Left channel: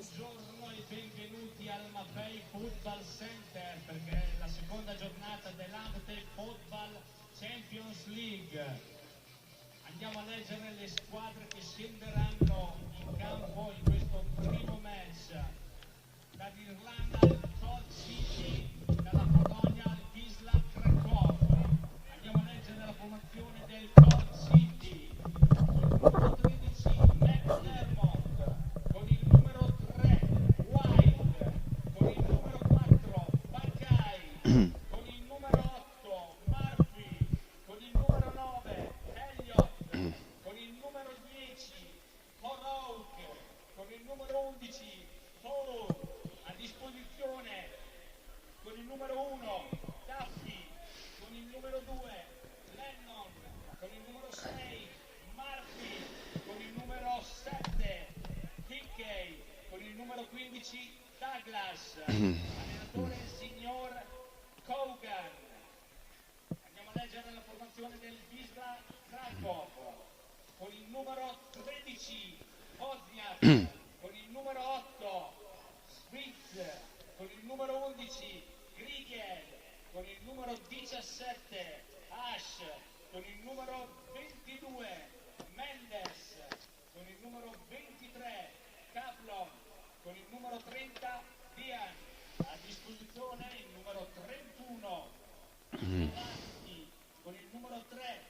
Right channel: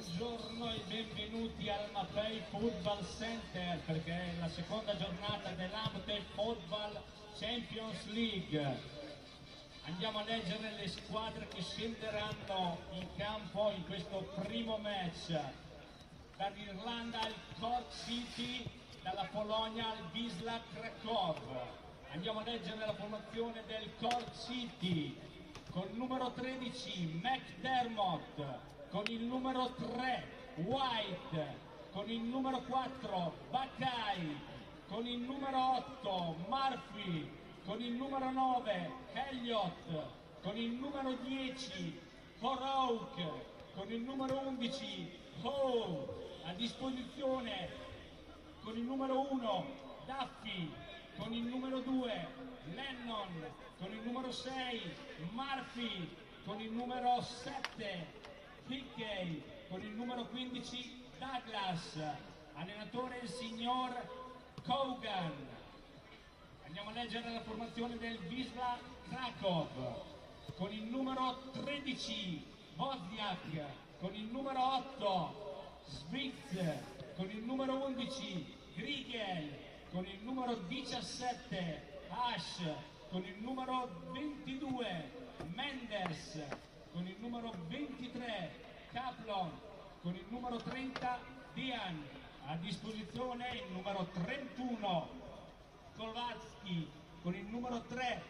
Buongiorno e benvenuti al Mapei Football Center, perché è la seconda giornata dell'Amte Football Champions League. Andiamo a leggere le squadre che scenderanno in campo in questo primo match. Dall'Irlanda il Cork City, dalla Polonia il Wisla. Andiamo a leggere la formazione del Cork City con il numero 13 McDermott, con il numero 3 White, con il numero 4 Buckeye, con il numero 8 Murphy, con il numero 9 Elliott, con il numero 10 Cork, con il numero 11 Hall. A disposizione con il numero 1 Duffy, con il numero 2 Lennon, con il numero 6 Murphy, con il numero 7 Hickey, con il numero 15 Douglas, allenatore il signor Kogan. Andiamo a leggere la formazione del Wisla Krakow, con il numero 13 Wozniak, con il numero 8 Smith, con il numero 11 Grigel, con il numero 17 Ash, con il numero 22 Mendes, con il numero 23 Kaplan, con il numero 30 Dian. A disposizione il numero 31 Kovatsky, con il numero 3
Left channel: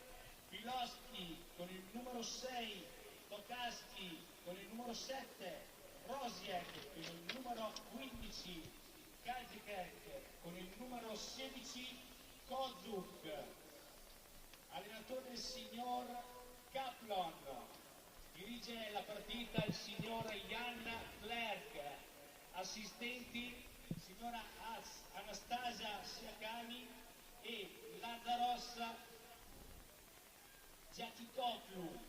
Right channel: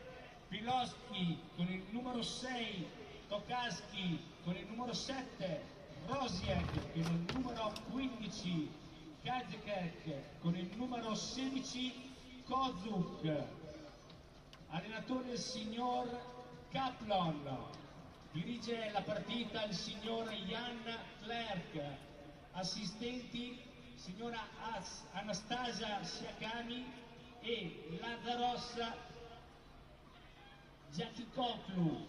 Pilosky, con il numero 6 Tokaski, con il numero 7 Rosiek, con il numero 15 Kajkek, con il numero 16 Kozuk. Allenatore il signor Kaplan. Dirige la partita il signor Jan Clerc. Assistenti il signora Anastasia Siakani e Lazaros Giaticoplu.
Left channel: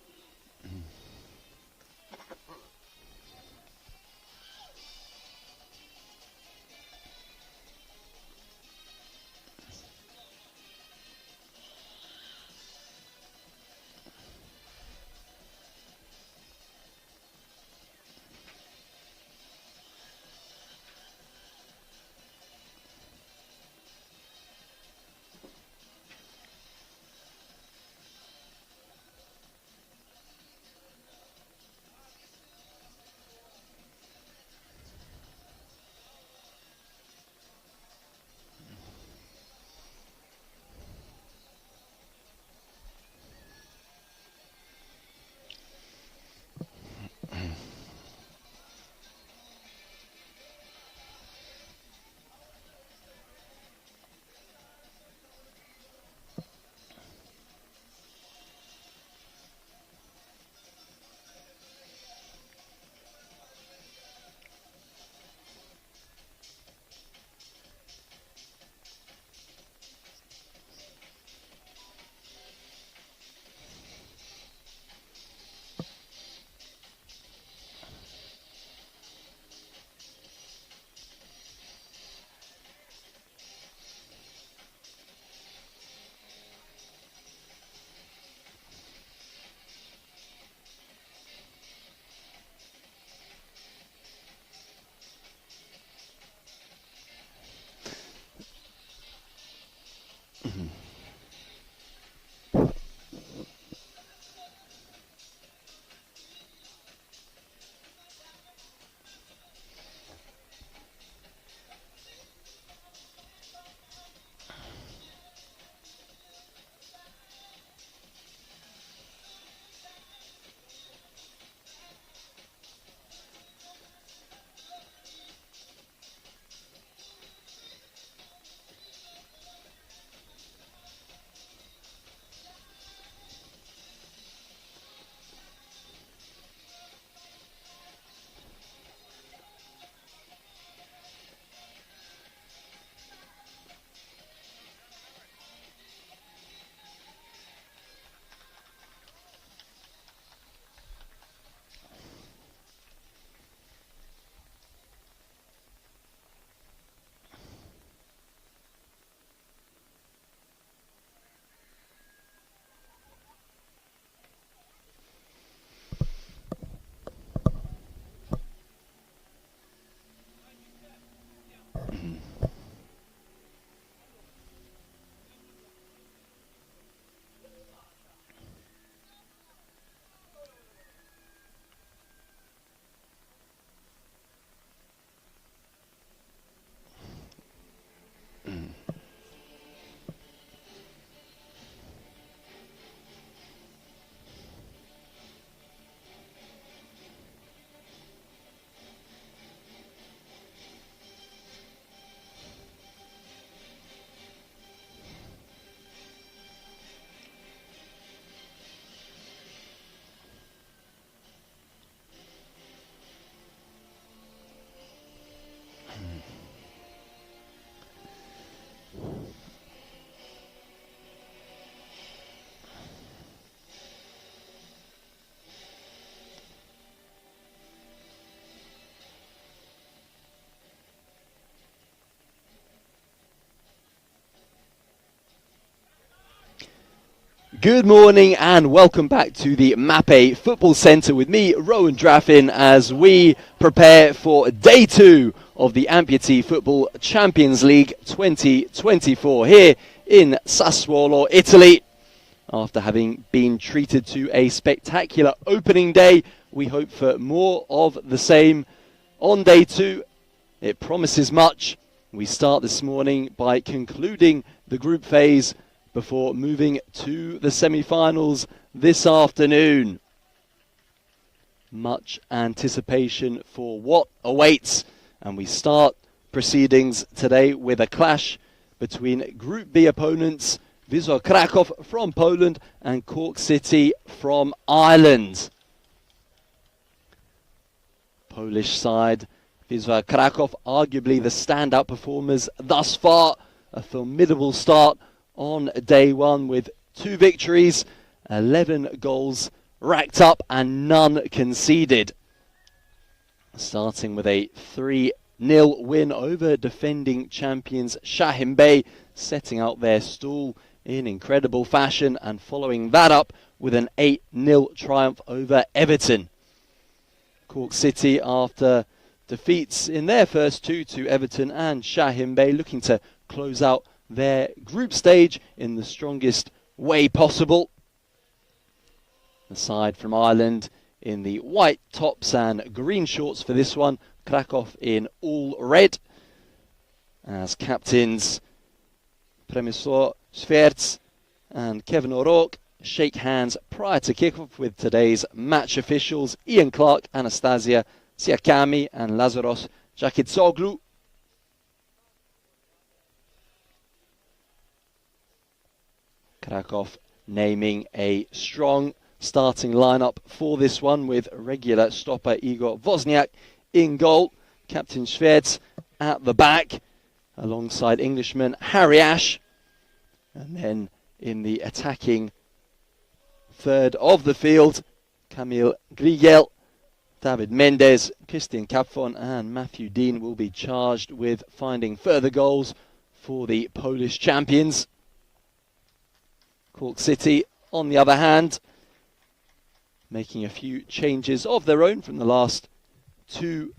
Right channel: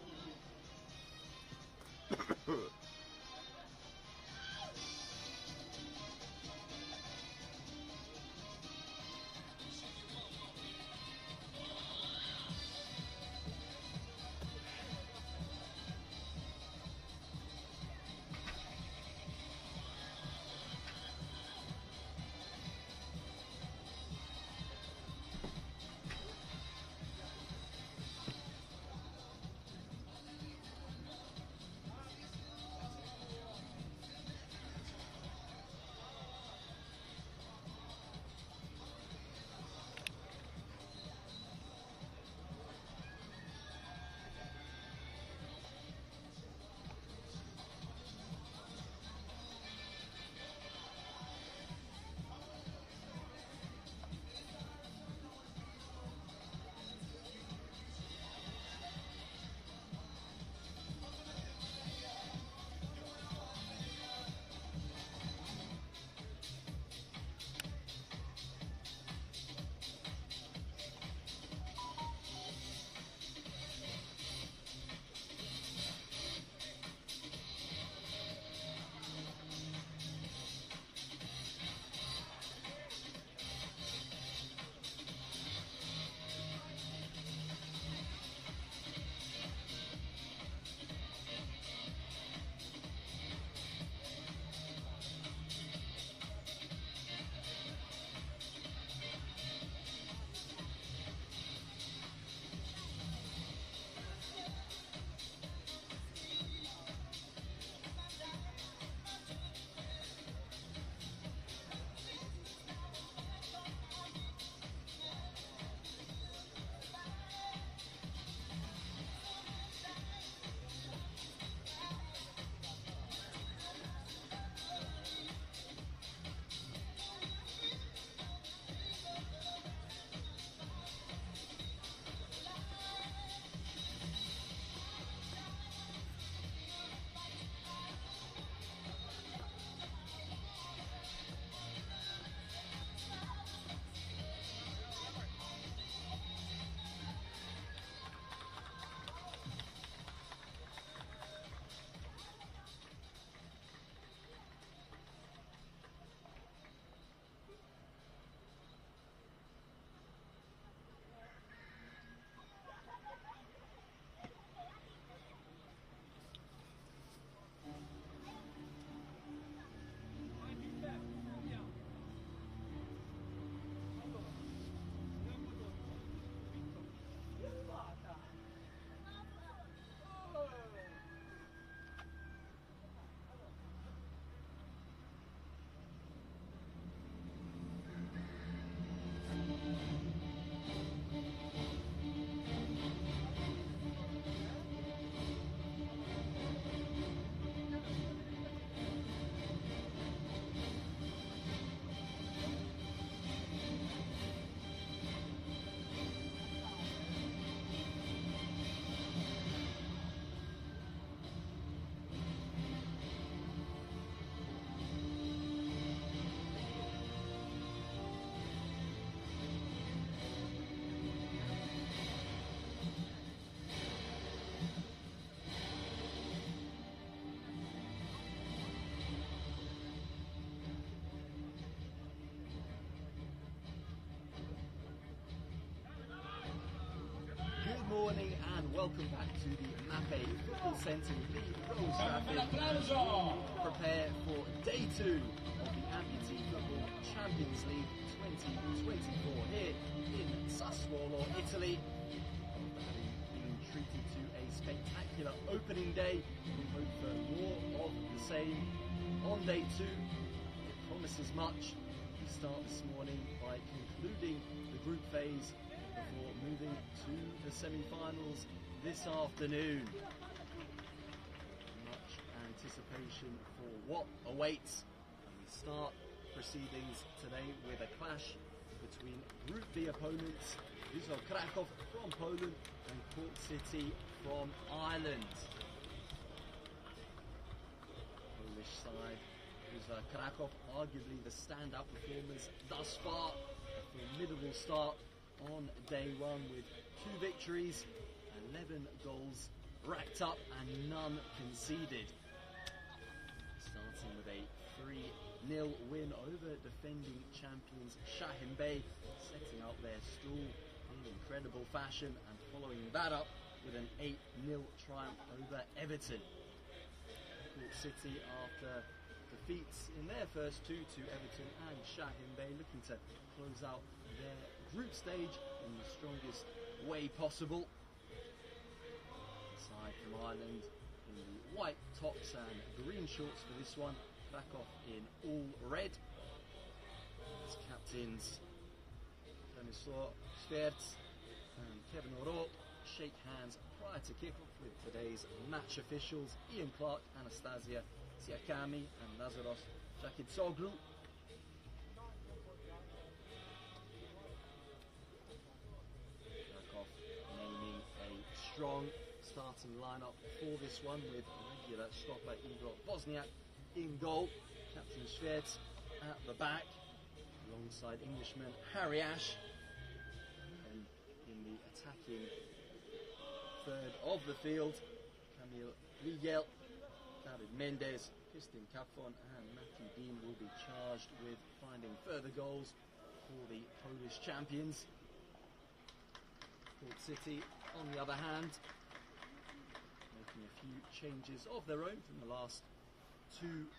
Good morning and welcome back to the Mape Football Centre with me, Rowan Draffin, as we prepare for day 2 of the Amputee Football Champions League 2024 here in Sassuolo, Italy. After having been treated to a spectacular opening day, we hope for more of the same on day 2. It promises much. We start this morning by concluding the group phase before moving to the semi-finals this afternoon. Much anticipation for what awaits, and we start proceedings today with a clash between Group B opponents Wisla Krakow from Poland and Cork City from Ireland. Polish side, Wisla Krakow, arguably the standout performers thus far. A formidable start on day 1 with 2 victories, 11 goals racked up and none conceded. Starting with a 3-0 win over defending champions Shahim Bey, setting out their stall in incredible fashion, and following that up with an 8-0 triumph over Everton. Cork City, after defeats in their first 2 to Everton and Shahim Bey, looking to close out their group stage in the strongest way possible. The side from Ireland in the white tops and green shorts for this one, Krakow in all red, as captains Przemysław Świerc and Kevin O'Rourke shake hands prior to kick-off with today's match officials Ian Clark, Anastasia Siakami and Lazaros Jakitsoglu. Krakow naming a strong starting lineup for this one, with regular stopper Igor Wozniak in goal, Captain Świerc at the back alongside Englishman Harry Ash, and then in the attacking third of the field, Kamil Grigel, David Mendes, Christian Kapfon and Matthew Dean will be charged with finding further goals for the Polish champions. Cork City, on the other hand, making a few changes of their own from the last 2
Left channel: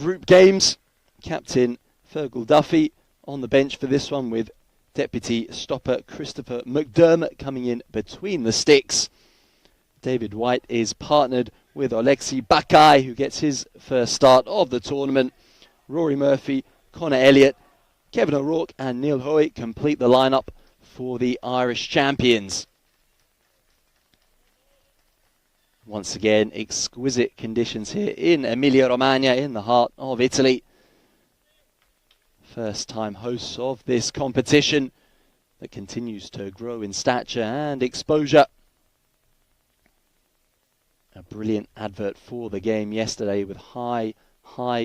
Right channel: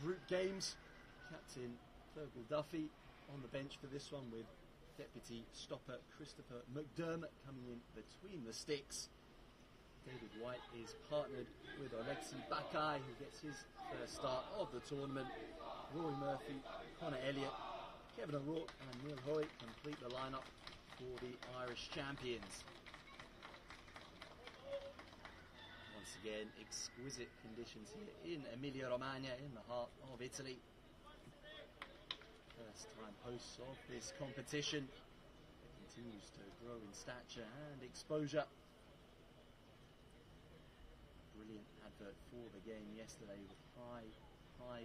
group games. Captain Fergal Duffy on the bench for this one, with deputy stopper Christopher McDermott coming in between the sticks. David White is partnered with Oleksiy Bakai, who gets his first start of the tournament. Rory Murphy, Connor Elliott, Kevin O'Rourke and Neil Hoyt complete the lineup for the Irish champions. Once again, exquisite conditions here in Emilia-Romagna, in the heart of Italy. First time hosts of this competition that continues to grow in stature and exposure. A brilliant advert for the game yesterday, with high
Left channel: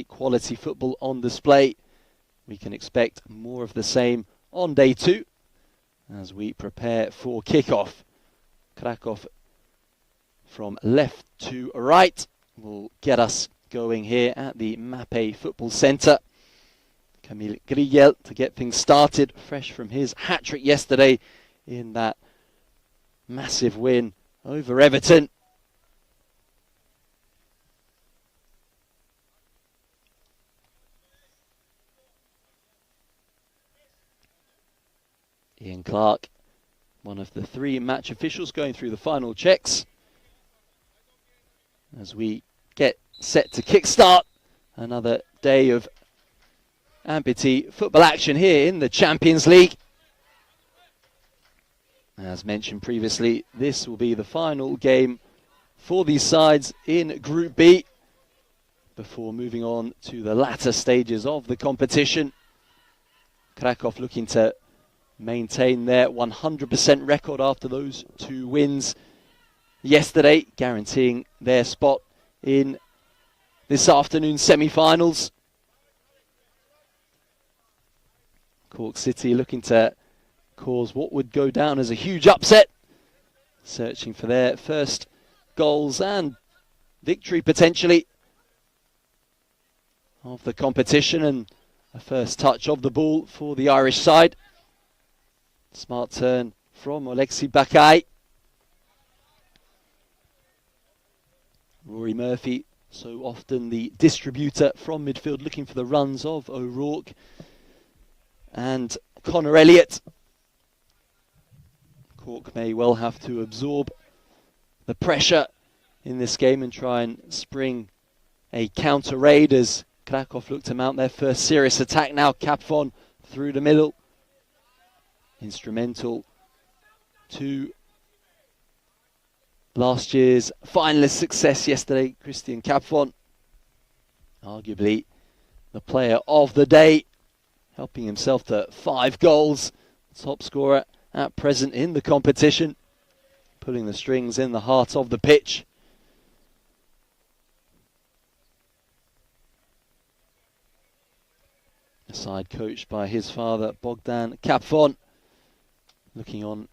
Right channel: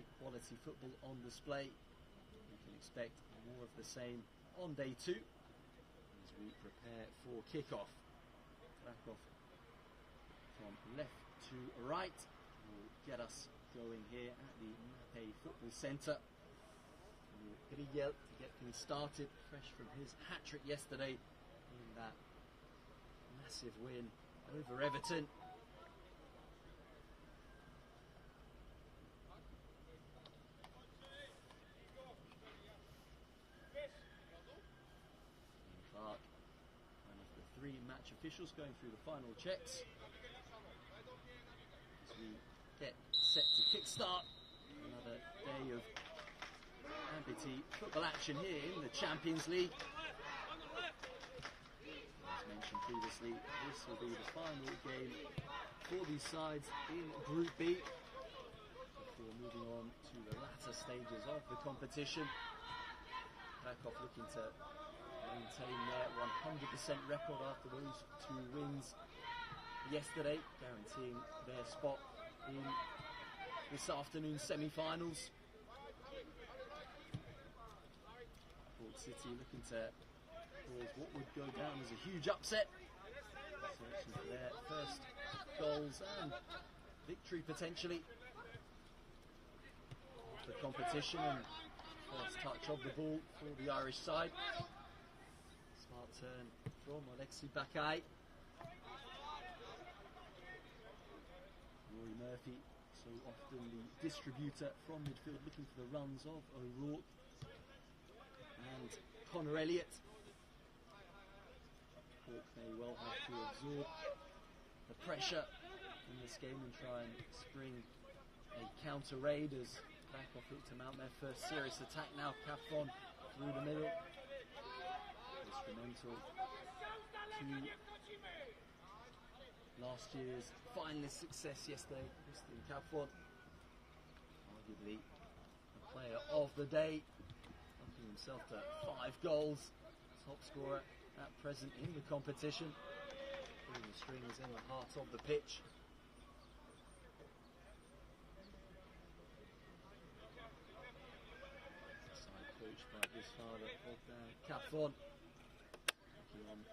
quality football on display. We can expect more of the same on day 2 as we prepare for kick-off. Krakow from left to right will get us going here at the Mape Football Centre. Kamil Grigel to get things started, fresh from his hat-trick yesterday in that massive win over Everton. Ian Clark, one of the 3 match officials, going through the final checks as we get set to kickstart another day of amputee football action here in the Champions League. As mentioned previously, this will be the final game for these sides in Group B before moving on to the latter stages of the competition. Krakow looking to maintain their 100% record after those 2 wins yesterday, guaranteeing their spot in this afternoon's semi-finals. Cork City looking to cause what would go down as a huge upset, searching for their first goals and victory potentially of the competition, and a first touch of the ball for the Irish side. Smart turn from Oleksiy Bakai. Rory Murphy, so often the distributor from midfield, looking for the runs of O'Rourke and Connor Elliott. Cork may well have to absorb the pressure in this game and try and spring a counter raid as Krakow look to mount their first serious attack now. Capfon through the middle. Instrumental to last year's finalist success yesterday, Christian Capfon. Arguably the player of the day, helping himself to 5 goals. Top scorer at present in the competition, pulling the strings in the heart of the pitch. A side coached by his father, Bogdan Capfon, looking on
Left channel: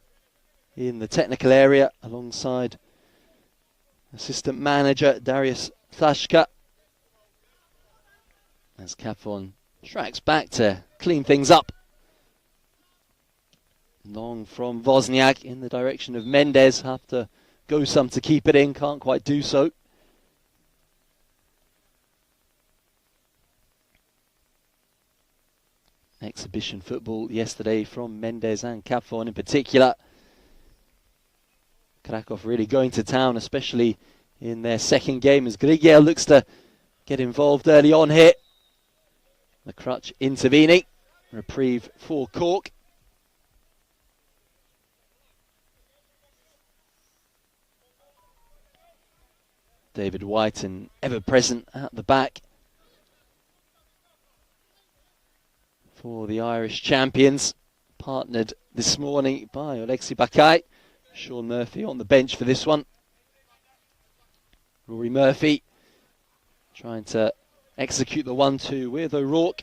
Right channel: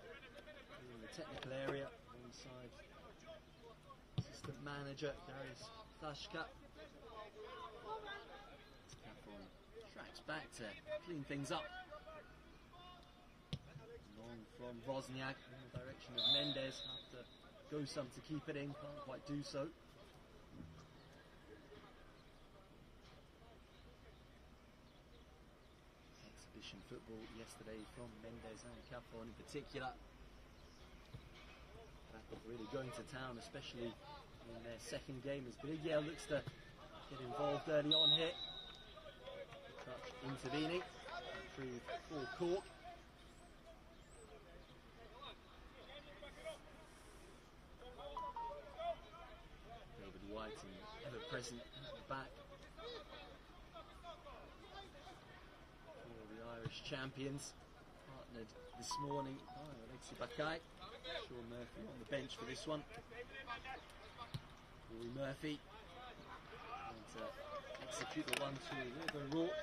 in the technical area alongside assistant manager Darius Tashka, as Capfon tracks back to clean things up. Long from Wozniak in the direction of Mendes. Have to go some to keep it in, can't quite do so. Exhibition football yesterday from Mendes and Capfon in particular. Krakow really going to town, especially in their second game, as Grigiel looks to get involved early on here. The crutch intervening. Reprieve for Cork. David White and ever present at the back for the Irish champions, partnered this morning by Alexi Bakai. Sean Murphy on the bench for this one. Rory Murphy trying to execute the 1-2 with O'Rourke.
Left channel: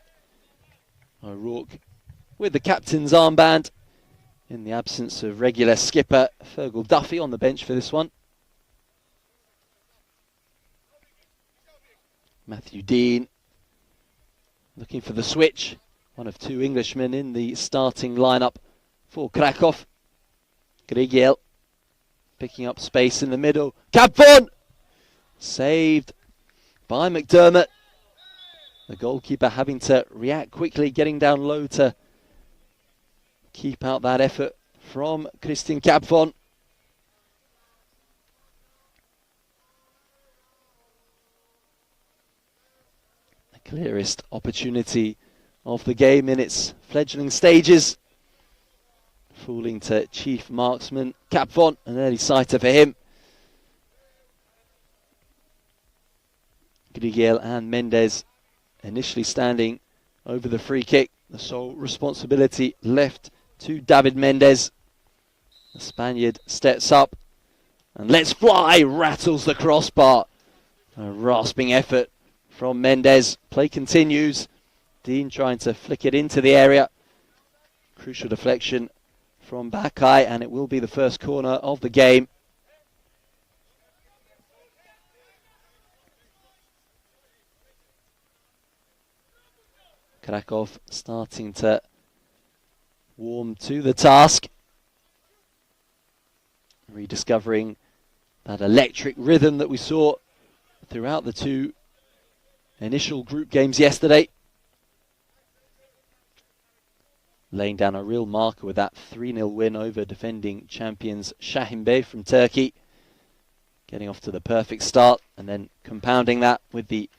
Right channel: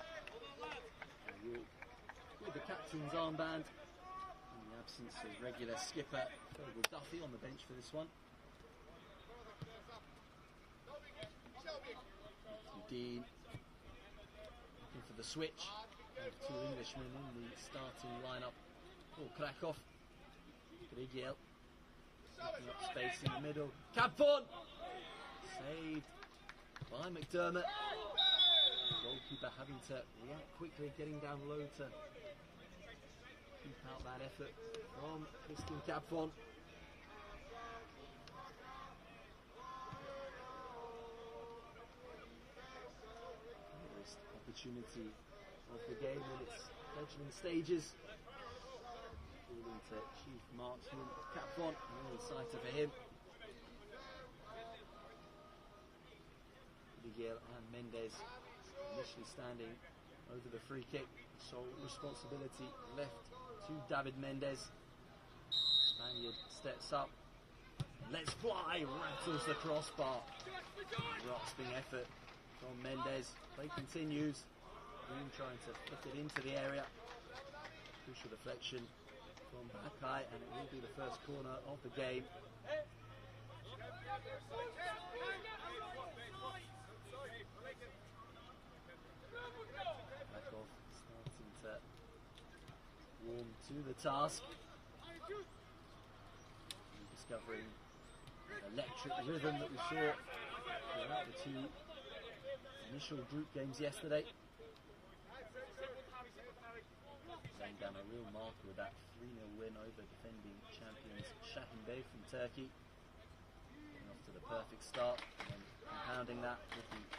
O'Rourke with the captain's armband in the absence of regular skipper Fergal Duffy on the bench for this one. Matthew Dean looking for the switch. One of 2 Englishmen in the starting lineup for Krakow. Grigiel picking up space in the middle. Capfon! Saved by McDermott. The goalkeeper having to react quickly, getting down low to keep out that effort from Christian Capfon. The clearest opportunity of the game in its fledgling stages. Falling to chief marksman Capfon, an early sighter for him. Grigiel and Mendes initially standing over the free kick. The sole responsibility left to David Mendes. The Spaniard steps up and lets fly, rattles the crossbar. A rasping effort from Mendes. Play continues. Dean trying to flick it into the area. Crucial deflection from Bakai, and it will be the first corner of the game. Krakow starting to warm to the task. Rediscovering that electric rhythm that we saw throughout the 2 initial group games yesterday. Laying down a real marker with that 3-0 win over defending champions Şahin Bey from Turkey. Getting off to the perfect start and then compounding that with the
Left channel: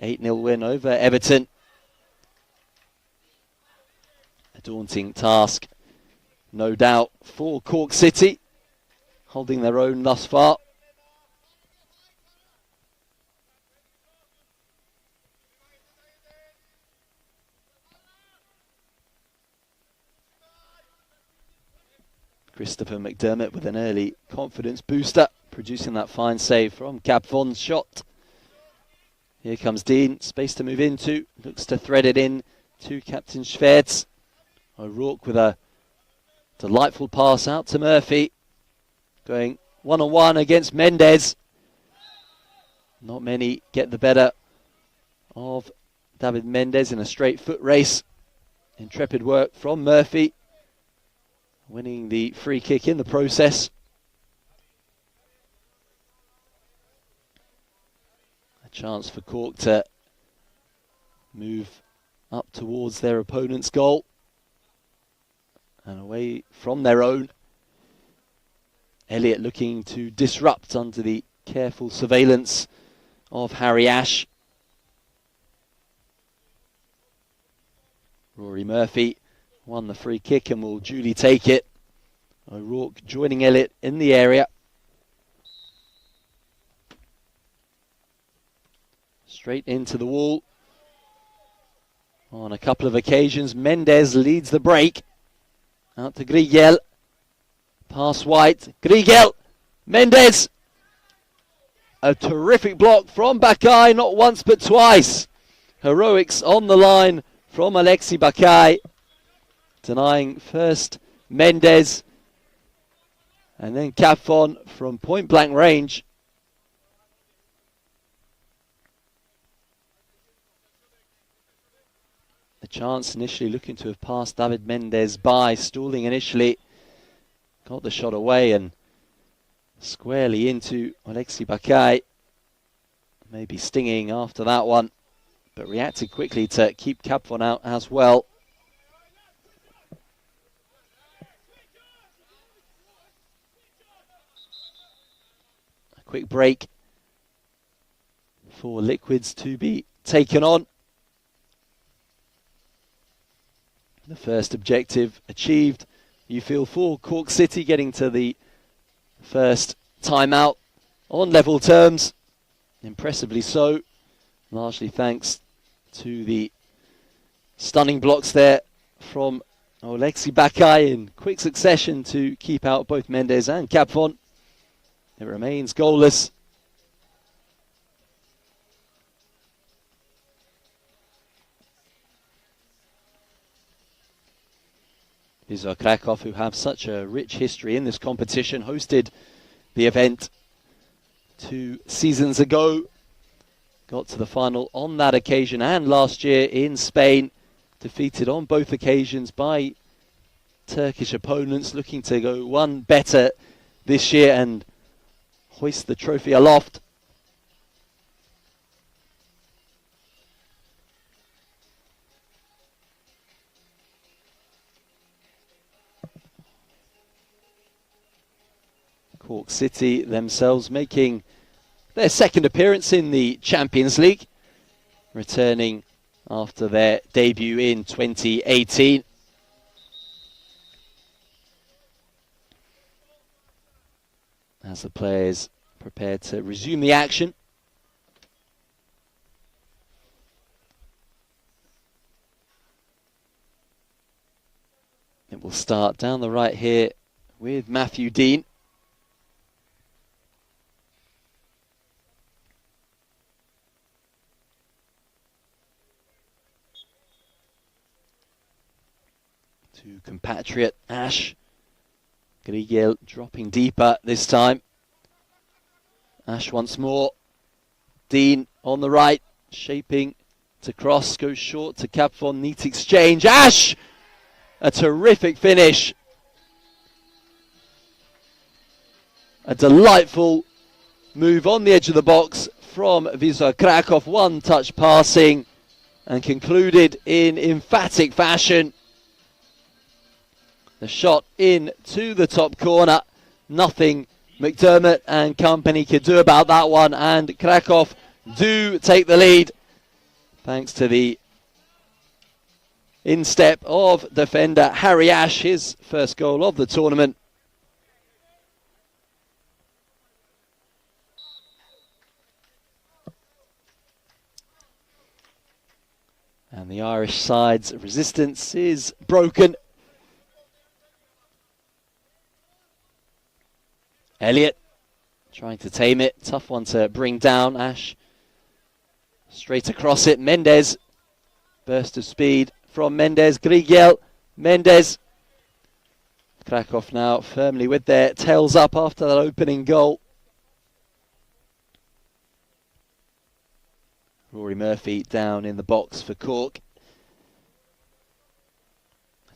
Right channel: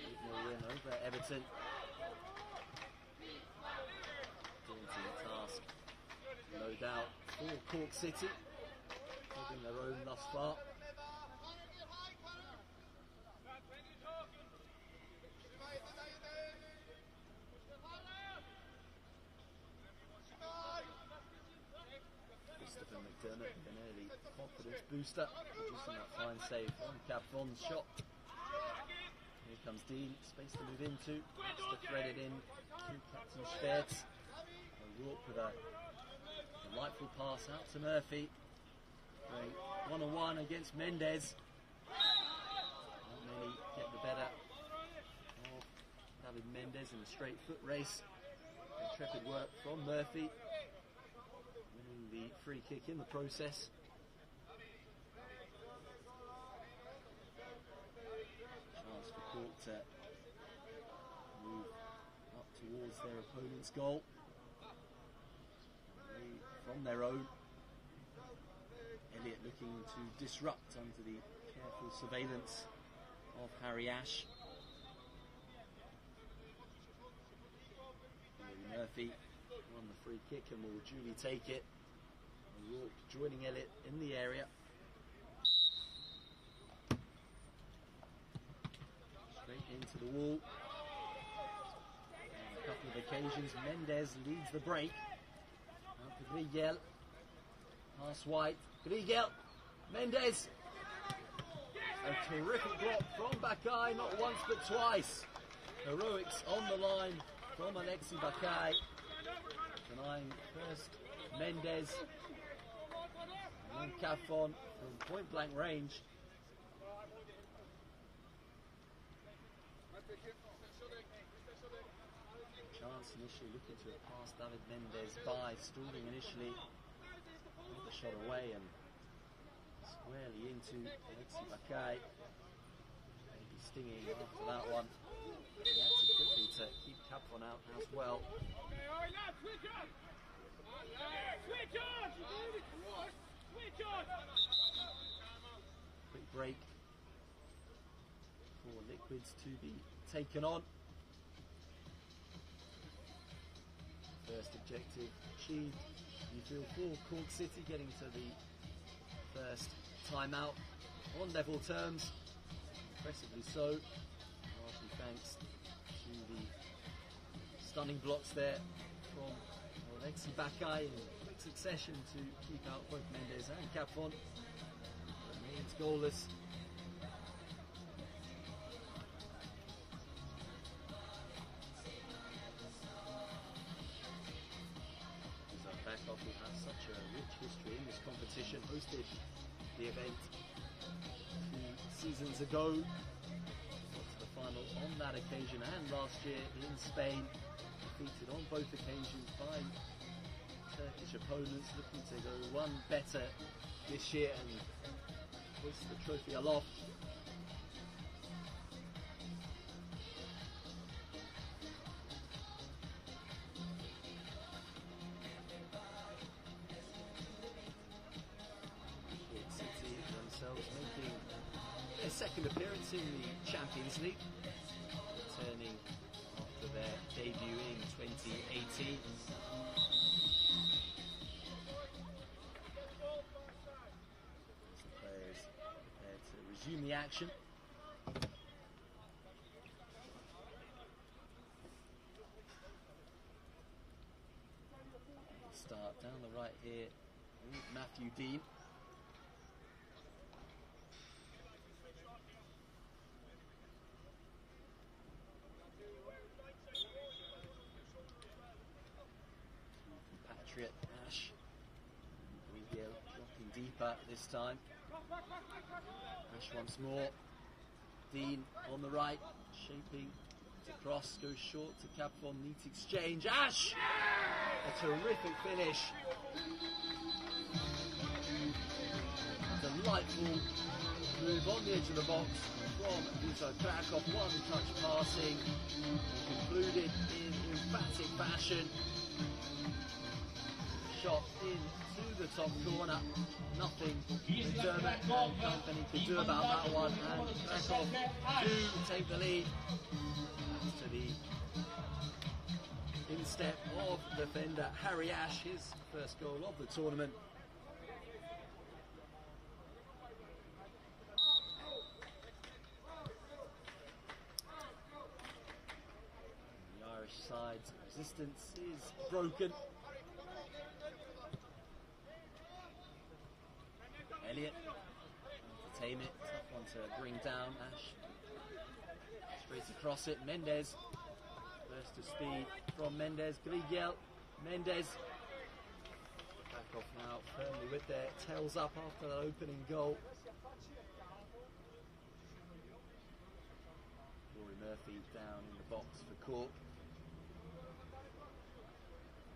8-0 win over Everton. A daunting task, no doubt, for Cork City, holding their own thus far. Christopher McDermott with an early confidence booster, producing that fine save from Capfon's shot. Here comes Dean, space to move into, looks to thread it in to Captain Schwertz. O'Rourke with a delightful pass out to Murphy, going one-on-one against Mendes. Not many get the better of David Mendes in a straight foot race. Intrepid work from Murphy, winning the free kick in the process. Chance for Cork to move up towards their opponent's goal and away from their own. Elliott looking to disrupt under the careful surveillance of Harry Ash. Rory Murphy won the free kick and will duly take it. O'Rourke joining Elliott in the area. Straight into the wall. On a couple of occasions, Mendes leads the break. Out to Grigel. Pass White. Grigel. Mendes. A terrific block from Bakai, not once but twice. Heroics on the line from Alexis Bakai. Denying first Mendes. And then Capfon from point blank range. The chance initially looking to have passed David Mendes by, stalling initially. Got the shot away and squarely into Alexis Bakai. Maybe stinging after that one, but reacted quickly to keep Capfon out as well. A quick break for Liquids to be taken on. The first objective achieved, you feel, for Cork City, getting to the first timeout on level terms. Impressively so, largely thanks to the stunning blocks there from Alexis Bakai in quick succession to keep out both Mendes and Capfon. It remains goalless. Wisla Krakow, who have such a rich history in this competition, hosted the event 2 seasons ago. Got to the final on that occasion and last year in Spain. Defeated on both occasions by Turkish opponents, looking to go one better this year and hoist the trophy aloft. Cork City themselves making their second appearance in the Champions League, returning after their debut in 2018. As the players prepare to resume the action. It will start down the right here with Matthew Dean. Compatriot Ash. Grigel dropping deeper this time. Ash once more. Dean on the right, shaping to cross, goes short to Capfon, neat exchange. Ash! A terrific finish. A delightful move on the edge of the box from Wisla Krakow. One touch passing and concluded in emphatic fashion. The shot in to the top corner. Nothing McDermott and company could do about that one, and Krakow do take the lead thanks to the instep of defender Harry Ash, his first goal of the tournament. And the Irish side's resistance is broken. Elliott trying to tame it. Tough one to bring down. Ash straight across it. Mendes. Burst of speed from Mendes. Grigel. Mendes. Krakow now firmly with their tails up after that opening goal. Rory Murphy down in the box for Cork.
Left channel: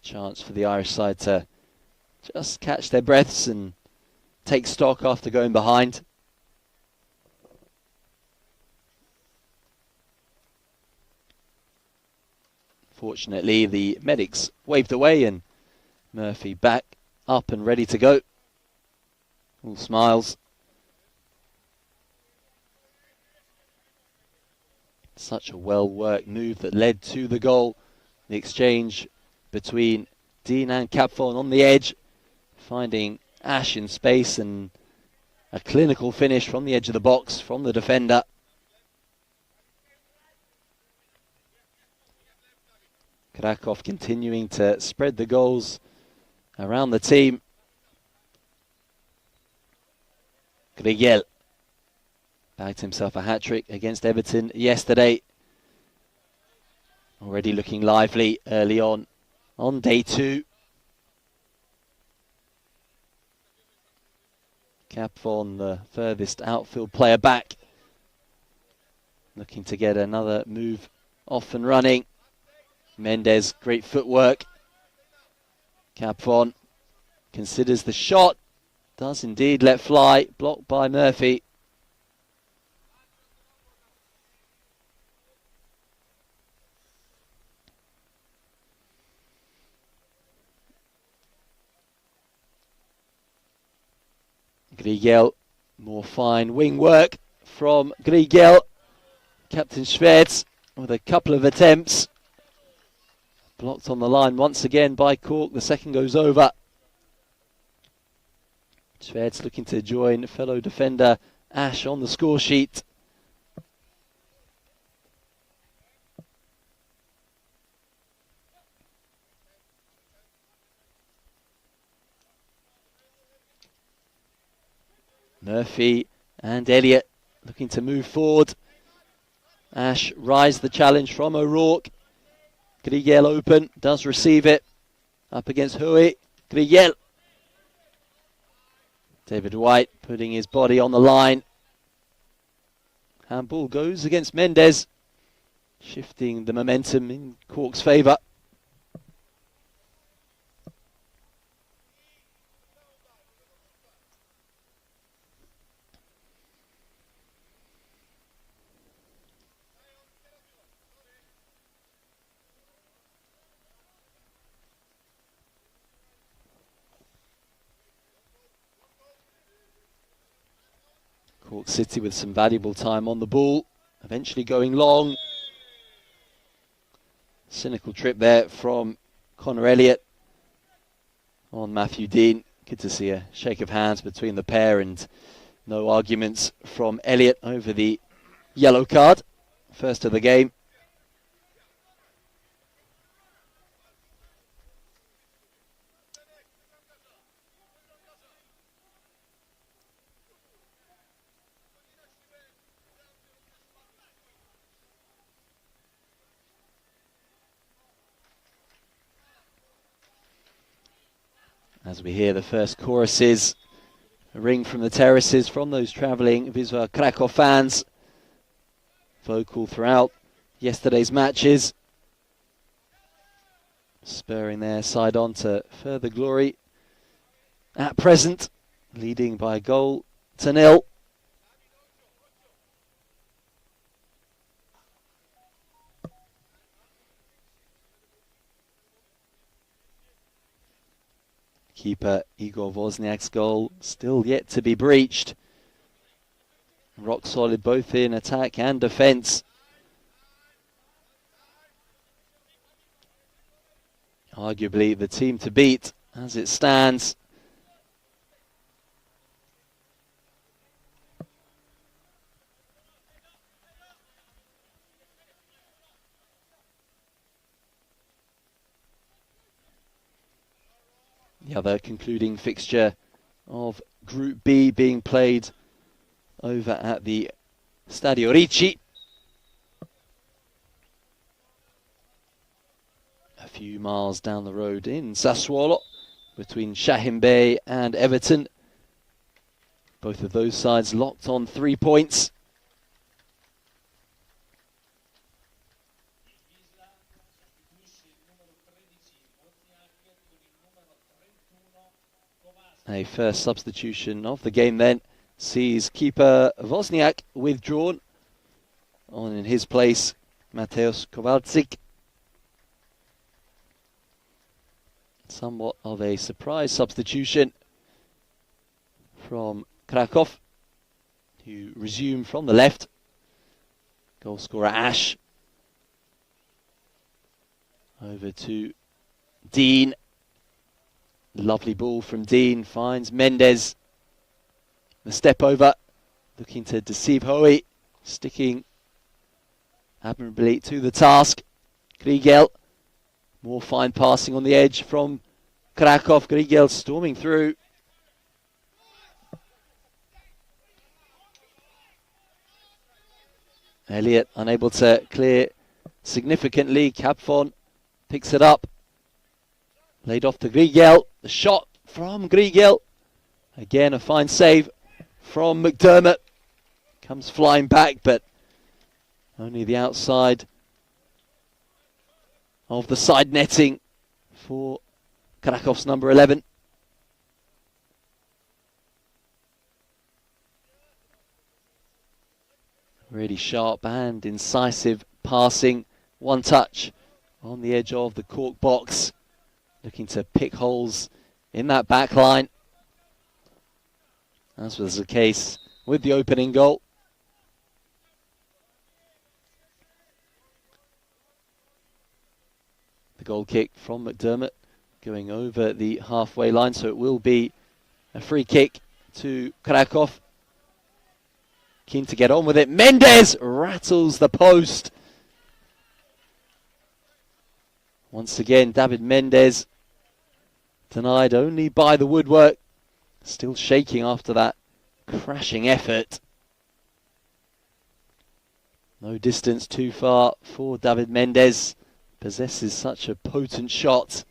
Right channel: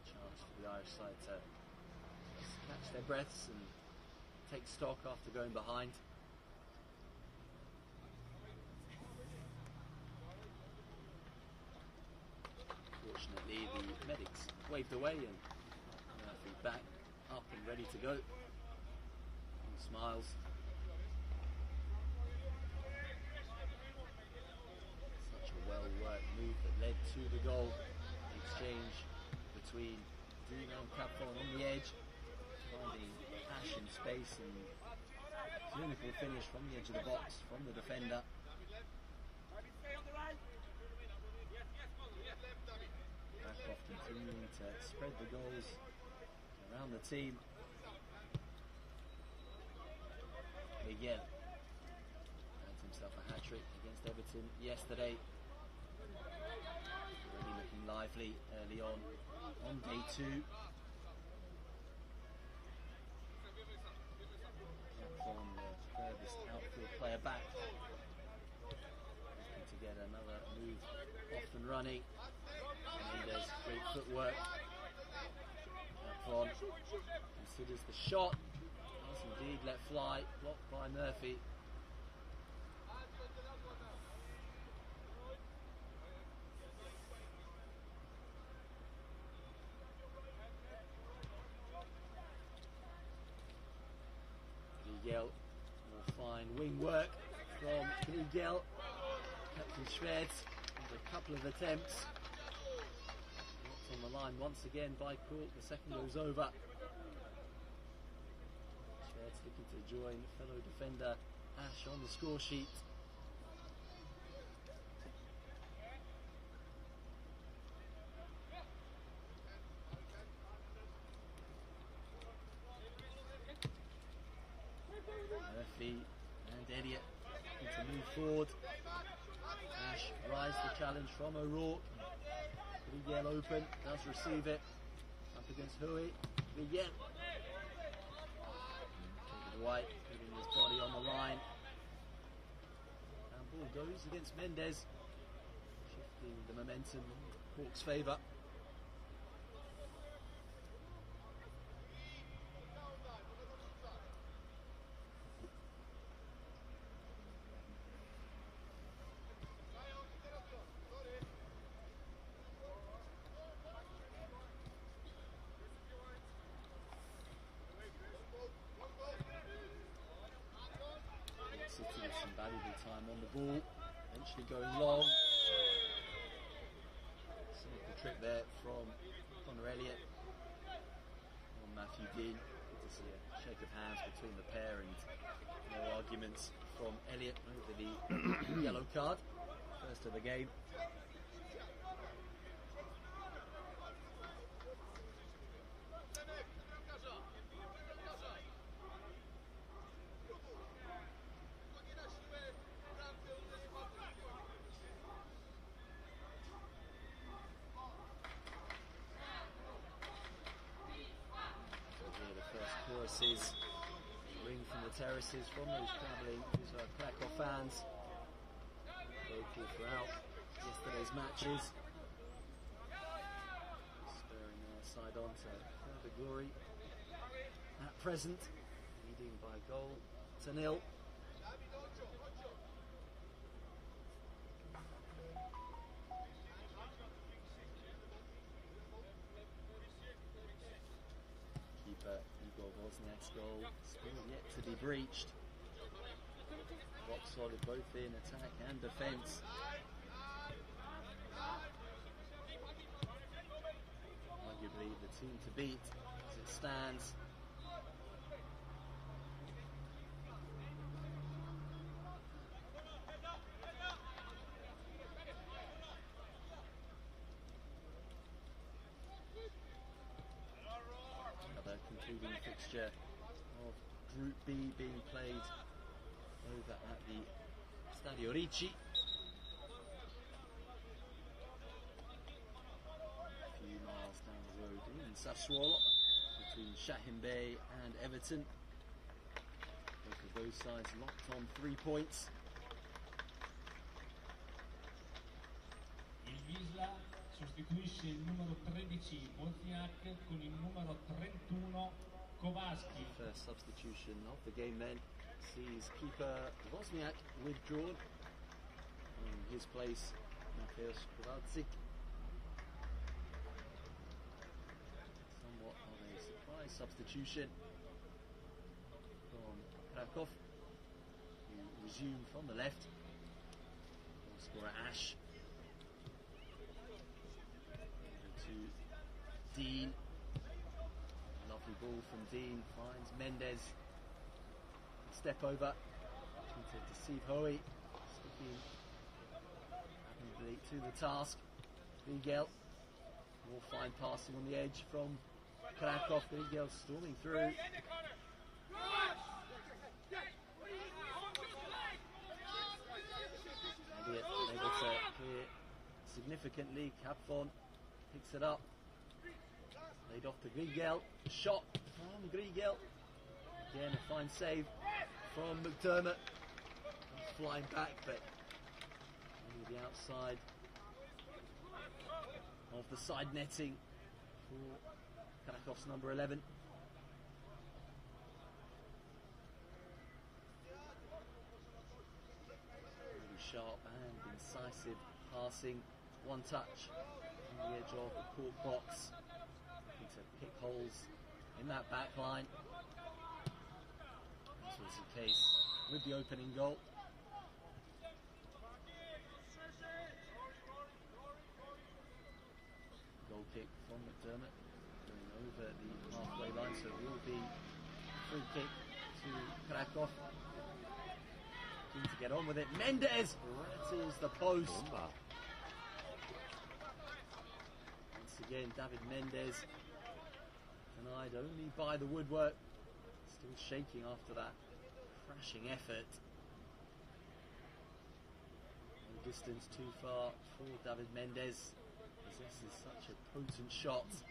A chance for the Irish side to just catch their breaths and take stock after going behind. Fortunately, the medics waved away and Murphy back up and ready to go. All smiles. Such a well-worked move that led to the goal. The exchange between Dean and Capfon on the edge, finding Ash in space, and a clinical finish from the edge of the box from the defender. Krakow continuing to spread the goals around the team. Grigel bagged himself a hat-trick against Everton yesterday. Already looking lively early on day 2. Capfon, the furthest outfield player back, looking to get another move off and running. Mendes, great footwork. Capfon considers the shot, does indeed let fly, blocked by Murphy. Grigel, more fine wing work from Grigel. Captain Schwedz with a couple of attempts. Blocked on the line once again by Cork. The second goes over. Schwedz looking to join fellow defender Ash on the score sheet. Murphy and Elliott looking to move forward. Ash rise the challenge from O'Rourke. Grigel open, does receive it. Up against Hui. Grigel. David White putting his body on the line. Handball goes against Mendes, shifting the momentum in Cork's favour. Cork City with some valuable time on the ball, eventually going long. Cynical trip there from Connor Elliott on Matthew Dean. Good to see a shake of hands between the pair and no arguments from Elliott over the yellow card. First of the game. As we hear the first choruses, a ring from the terraces from those travelling Wisla Krakow fans, vocal throughout yesterday's matches, spurring their side on to further glory. At present, leading by a goal to 0. Keeper Igor Wozniak's goal still yet to be breached. Rock solid both in attack and defence. Arguably the team to beat as it stands. The other concluding fixture of Group B being played over at the Stadio Ricci. A few miles down the road in Sassuolo between Shahin Bey and Everton. Both of those sides locked on 3 points. A first substitution of the game then sees keeper Wozniak withdrawn. On in his place, Mateusz Kowalczyk. Somewhat of a surprise substitution from Krakow, who resume from the left. Goal scorer Ash. Over to Dean. Lovely ball from Dean, finds Mendes. The step over, looking to deceive Hoey, sticking admirably to the task. Grigel, more fine passing on the edge from Krakow. Grigel storming through. Elliott unable to clear significantly. Capfon picks it up. Laid off to Grigel. The shot from Grigel. Again, a fine save from McDermott. Comes flying back, but only the outside of the side netting for Krakow's number 11. Really sharp and incisive passing. One touch on the edge of the Cork box. Looking to pick holes in that back line. As was the case with the opening goal. The goal kick from McDermott going over the halfway line, so it will be a free kick to Krakow. Keen to get on with it. Mendes rattles the post. Once again, David Mendes denied only by the woodwork. Still shaking after that crashing effort. No distance too far for David Mendes. Possesses such a potent shot.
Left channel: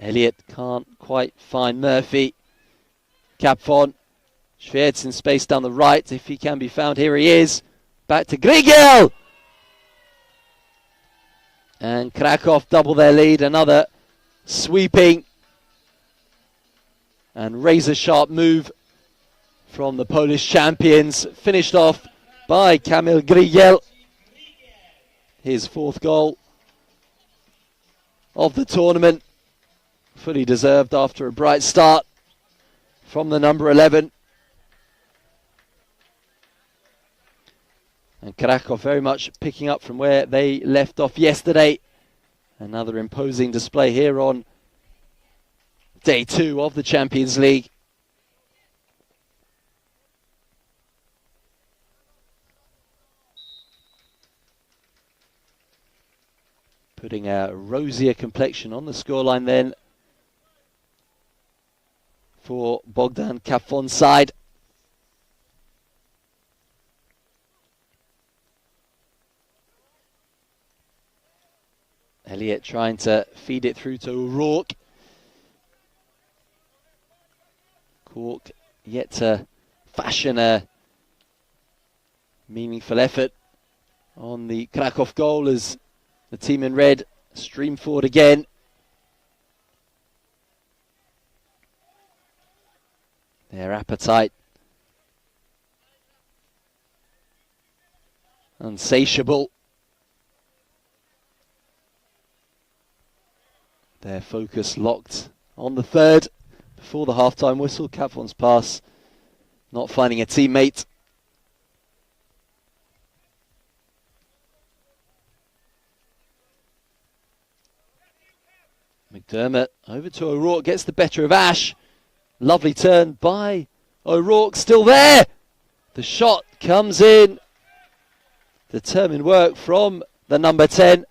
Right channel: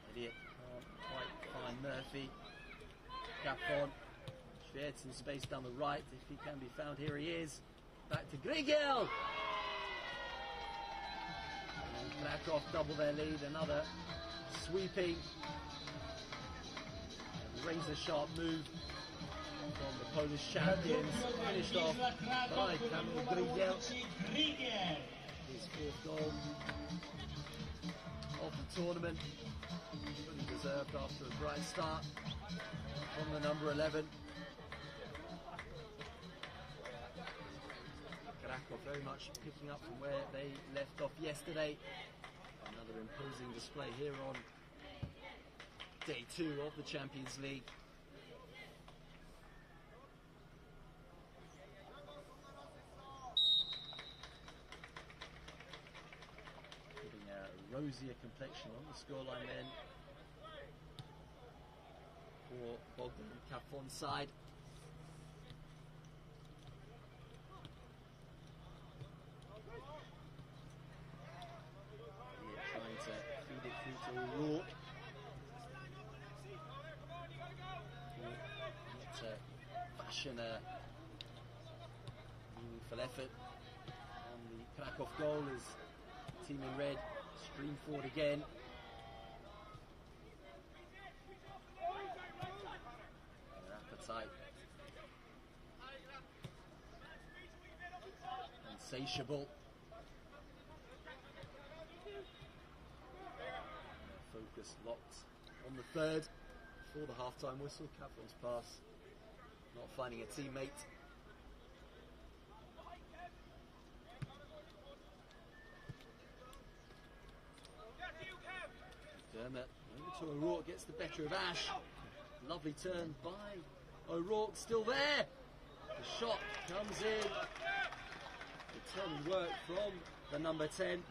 Elliott can't quite find Murphy. Capfon. Schwertz in space down the right. If he can be found, here he is. Back to Grigel. And Krakow double their lead. Another sweeping and razor-sharp move from the Polish champions. Finished off by Kamil Grigel. His fourth goal of the tournament. Fully deserved after a bright start from the number 11. And Krakow very much picking up from where they left off yesterday. Another imposing display here on day 2 of the Champions League. Putting a rosier complexion on the scoreline then for Bogdan Capfon's side. Elliott trying to feed it through to O'Rourke. Cork yet to fashion a meaningful effort on the Krakow goal as the team in red stream forward again. Their appetite insatiable. Their focus locked on the third before the half-time whistle. Capfon's pass not finding a teammate. McDermott over to O'Rourke, gets the better of Ash. Lovely turn by O'Rourke, still there. The shot comes in. Determined work from the number 10.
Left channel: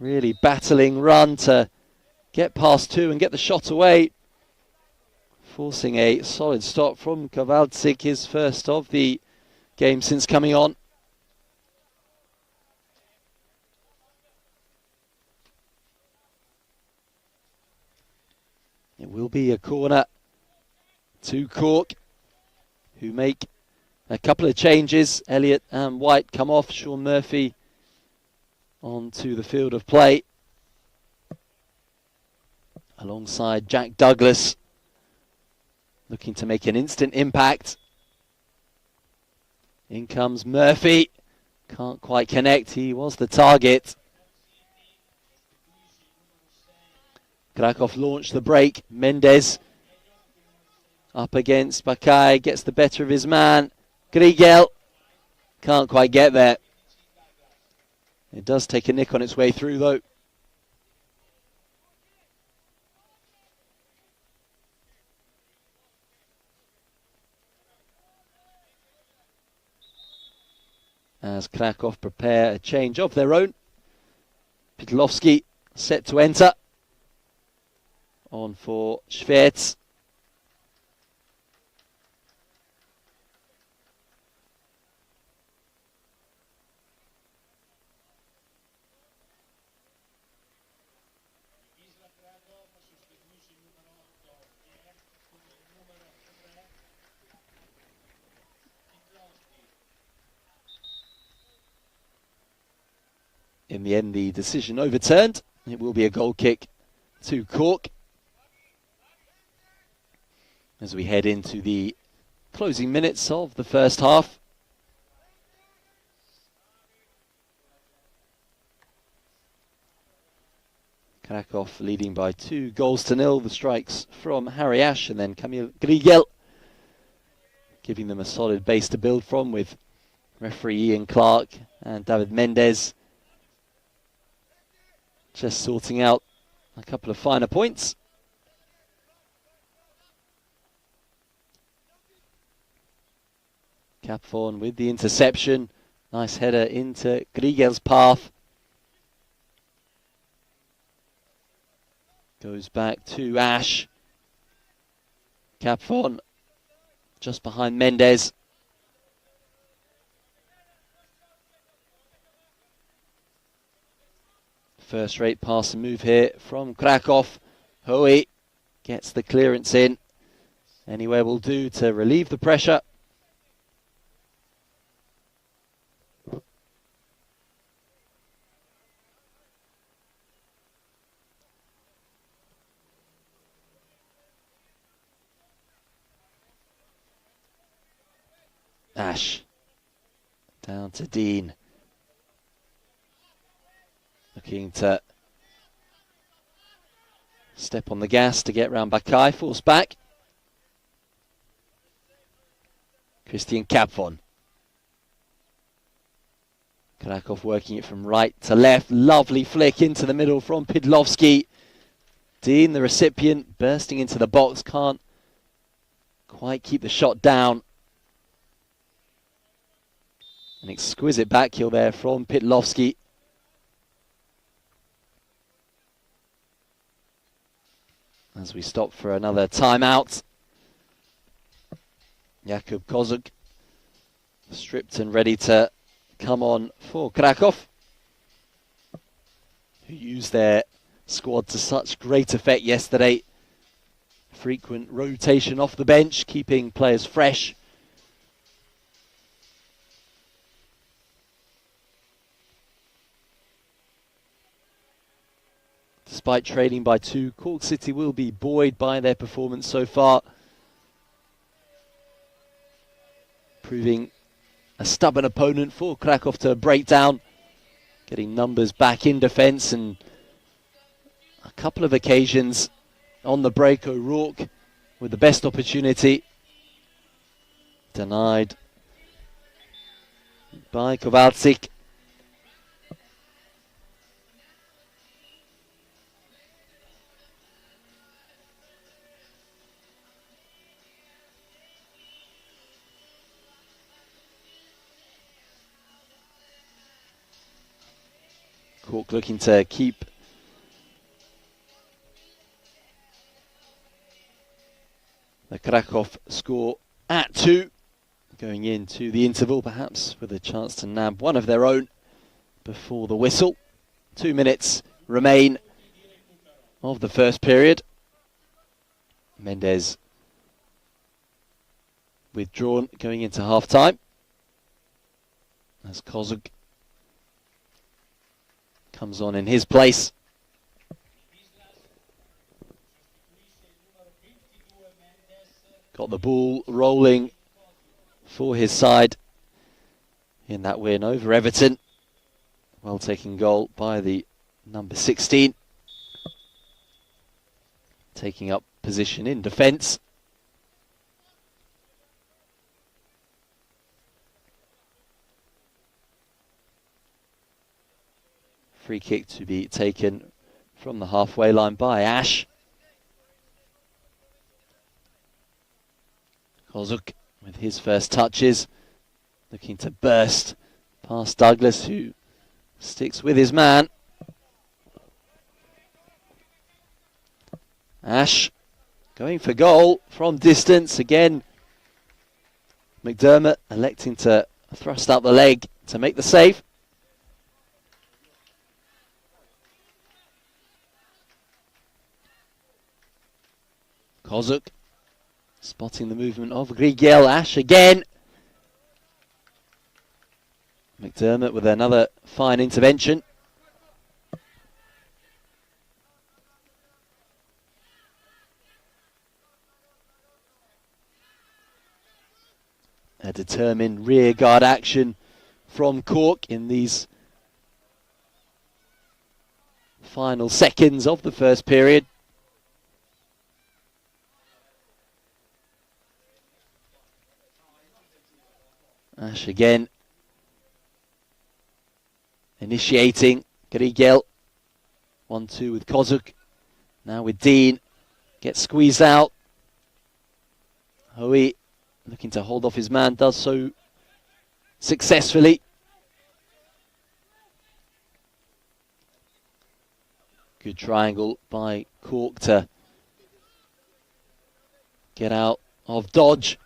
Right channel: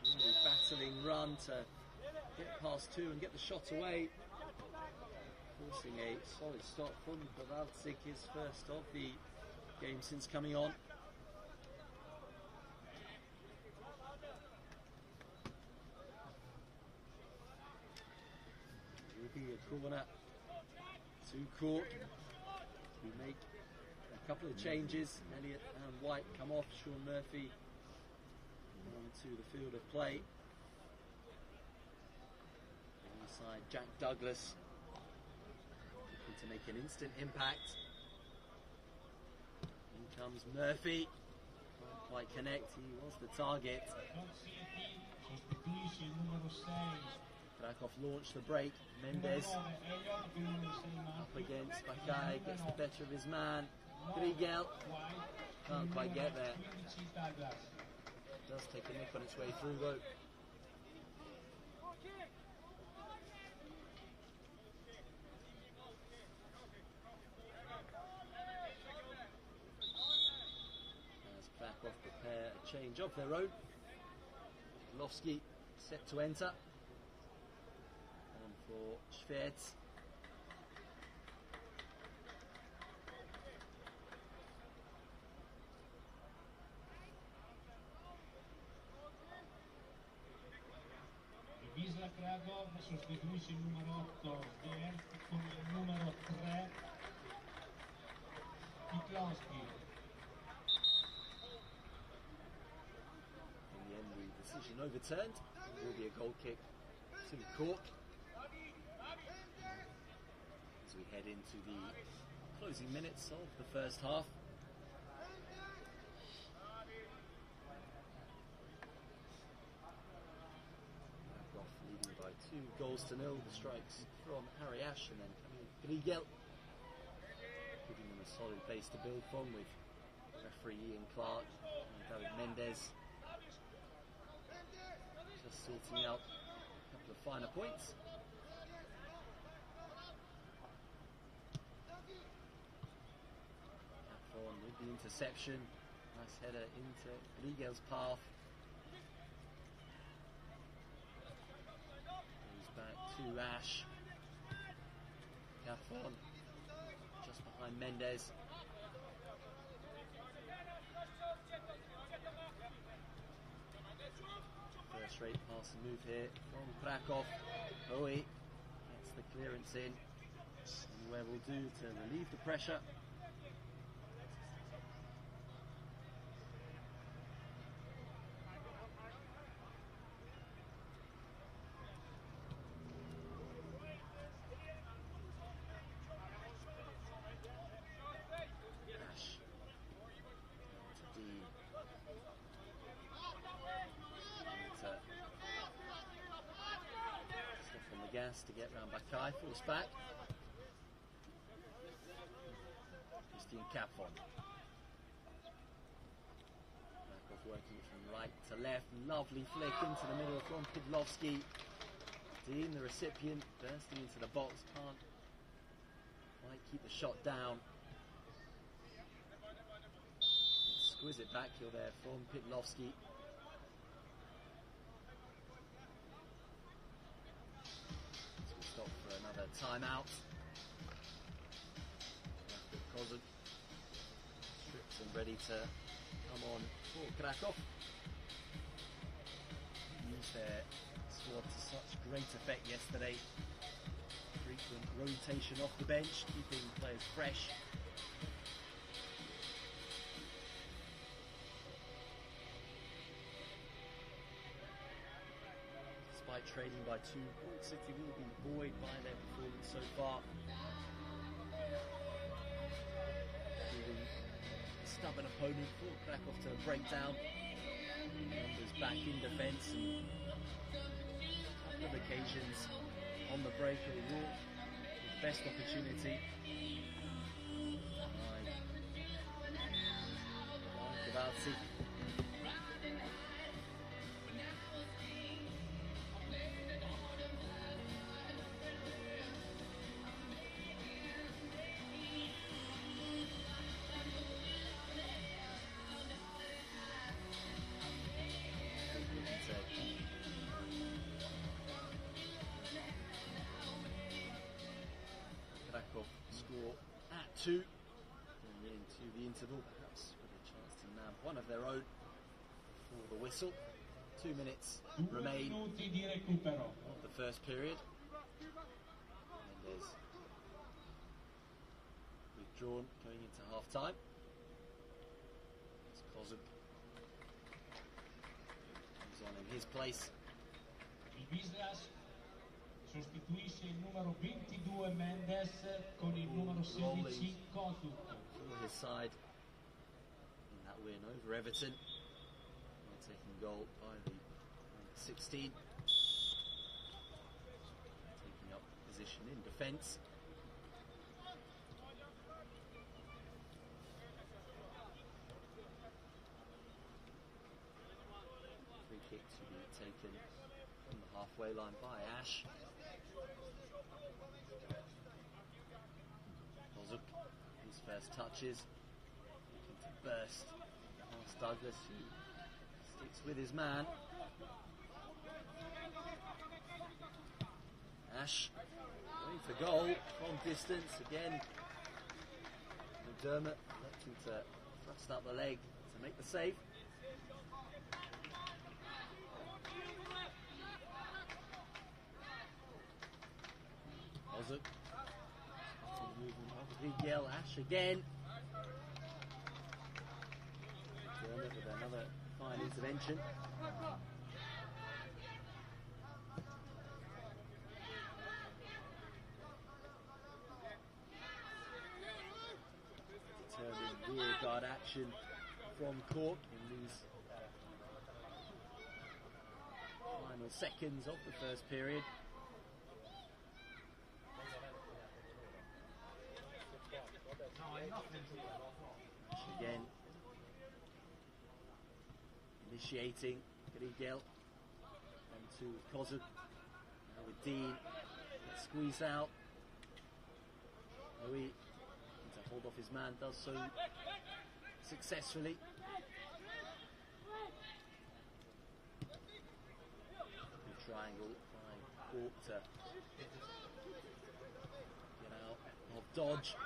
Really battling run to get past 2 and get the shot away. Forcing a solid stop from Kowalczyk, his first of the game since coming on. It will be a corner to Cork, who make a couple of changes. Elliott and White come off. Sean Murphy onto the field of play alongside Jack Douglas, looking to make an instant impact. In comes Murphy, can't quite connect, he was the target. Krakow launched the break. Mendes up against Bakai, gets the better of his man. Grigel can't quite get there. It does take a nick on its way through though. As Krakow prepare a change of their own. Pidlowski set to enter. On for Schwertz. Wisla Krakow sostituisce il numero 8 con il numero 3 Pidlowski. In the end, the decision overturned. It will be a goal kick to Cork as we head into the closing minutes of the first half. Krakow leading by 2-0. The strikes from Harry Ash and then Kamil Grigel, giving them a solid base to build from, with referee Ian Clark and David Mendes just sorting out a couple of finer points. Capthorne with the interception. Nice header into Grigel's path. Goes back to Ash. Capthorne just behind Mendes. First rate pass and move here from Krakow. Hoey gets the clearance in. Anywhere will do to relieve the pressure. Ash down to Dean. Looking to step on the gas to get round Bakai, force back. Christian Capthorne. Krakow working it from right to left. Lovely flick into the middle from Pidlowski. Dean, the recipient, bursting into the box. Can't quite keep the shot down. An exquisite backheel there from Pidlowski. As we stop for another timeout. Jakub Kozuk stripped and ready to come on for Krakow, who used their squad to such great effect yesterday. Frequent rotation off the bench, keeping players fresh. Despite trailing by 2, Cork City will be buoyed by their performance so far, proving a stubborn opponent for Krakow to break down, getting numbers back in defence, and a couple of occasions on the break. O'Rourke with the best opportunity, denied by Kowalczyk. Cork looking to keep the Krakow score at 2, going into the interval perhaps with a chance to nab one of their own before the whistle. 2 minutes remain of the first period. Mendes withdrawn going into half time as Kozuk comes on in his place. Got the ball rolling for his side in that win over Everton. Well taken goal by the number 16. taking up position in defence. Free kick to be taken from the halfway line by Ash. Kozuk with his first touches, looking to burst past Douglas, who sticks with his man. Ash going for goal from distance again. McDermott electing to thrust out the leg to make the save. Kozuk spotting the movement of Grigel. Ash again. McDermott with another fine intervention. A determined rear guard action from Cork in these final seconds of the first period. Ash again, initiating. Grigel, 1-2 with Kozuk. Now with Dean, gets squeezed out. Hui looking to hold off his man, does so successfully. Good triangle by Cork to get out of dodge.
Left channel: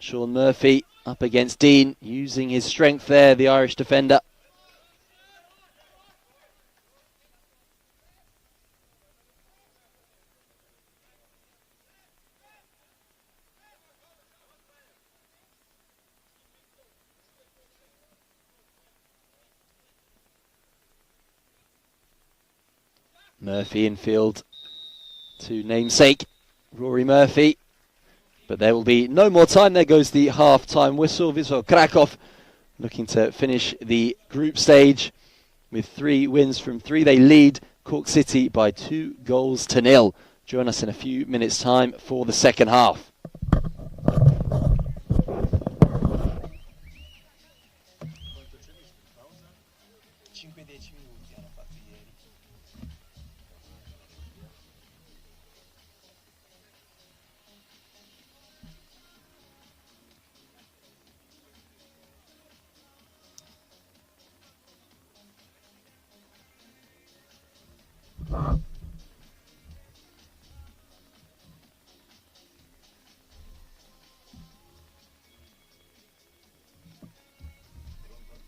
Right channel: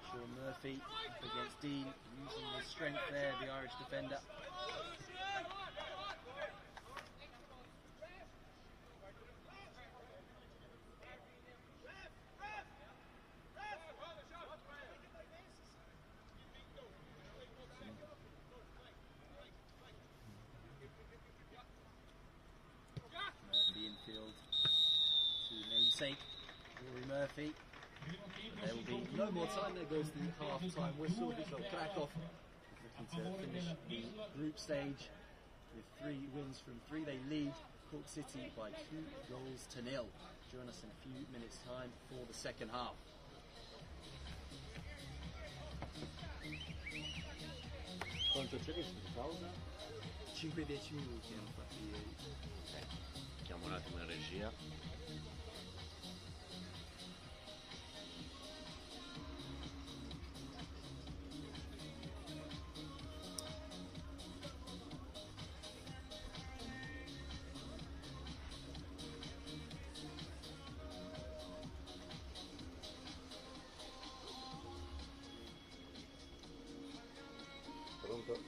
Sean Murphy up against Dean, using his strength there, the Irish defender. Murphy infield to namesake Rory Murphy. But there will be no more time. There goes the half-time whistle. Wisla Krakow looking to finish the group stage with 3 wins from 3. They lead Cork City by 2-0. Join us in a few minutes' time for the second half.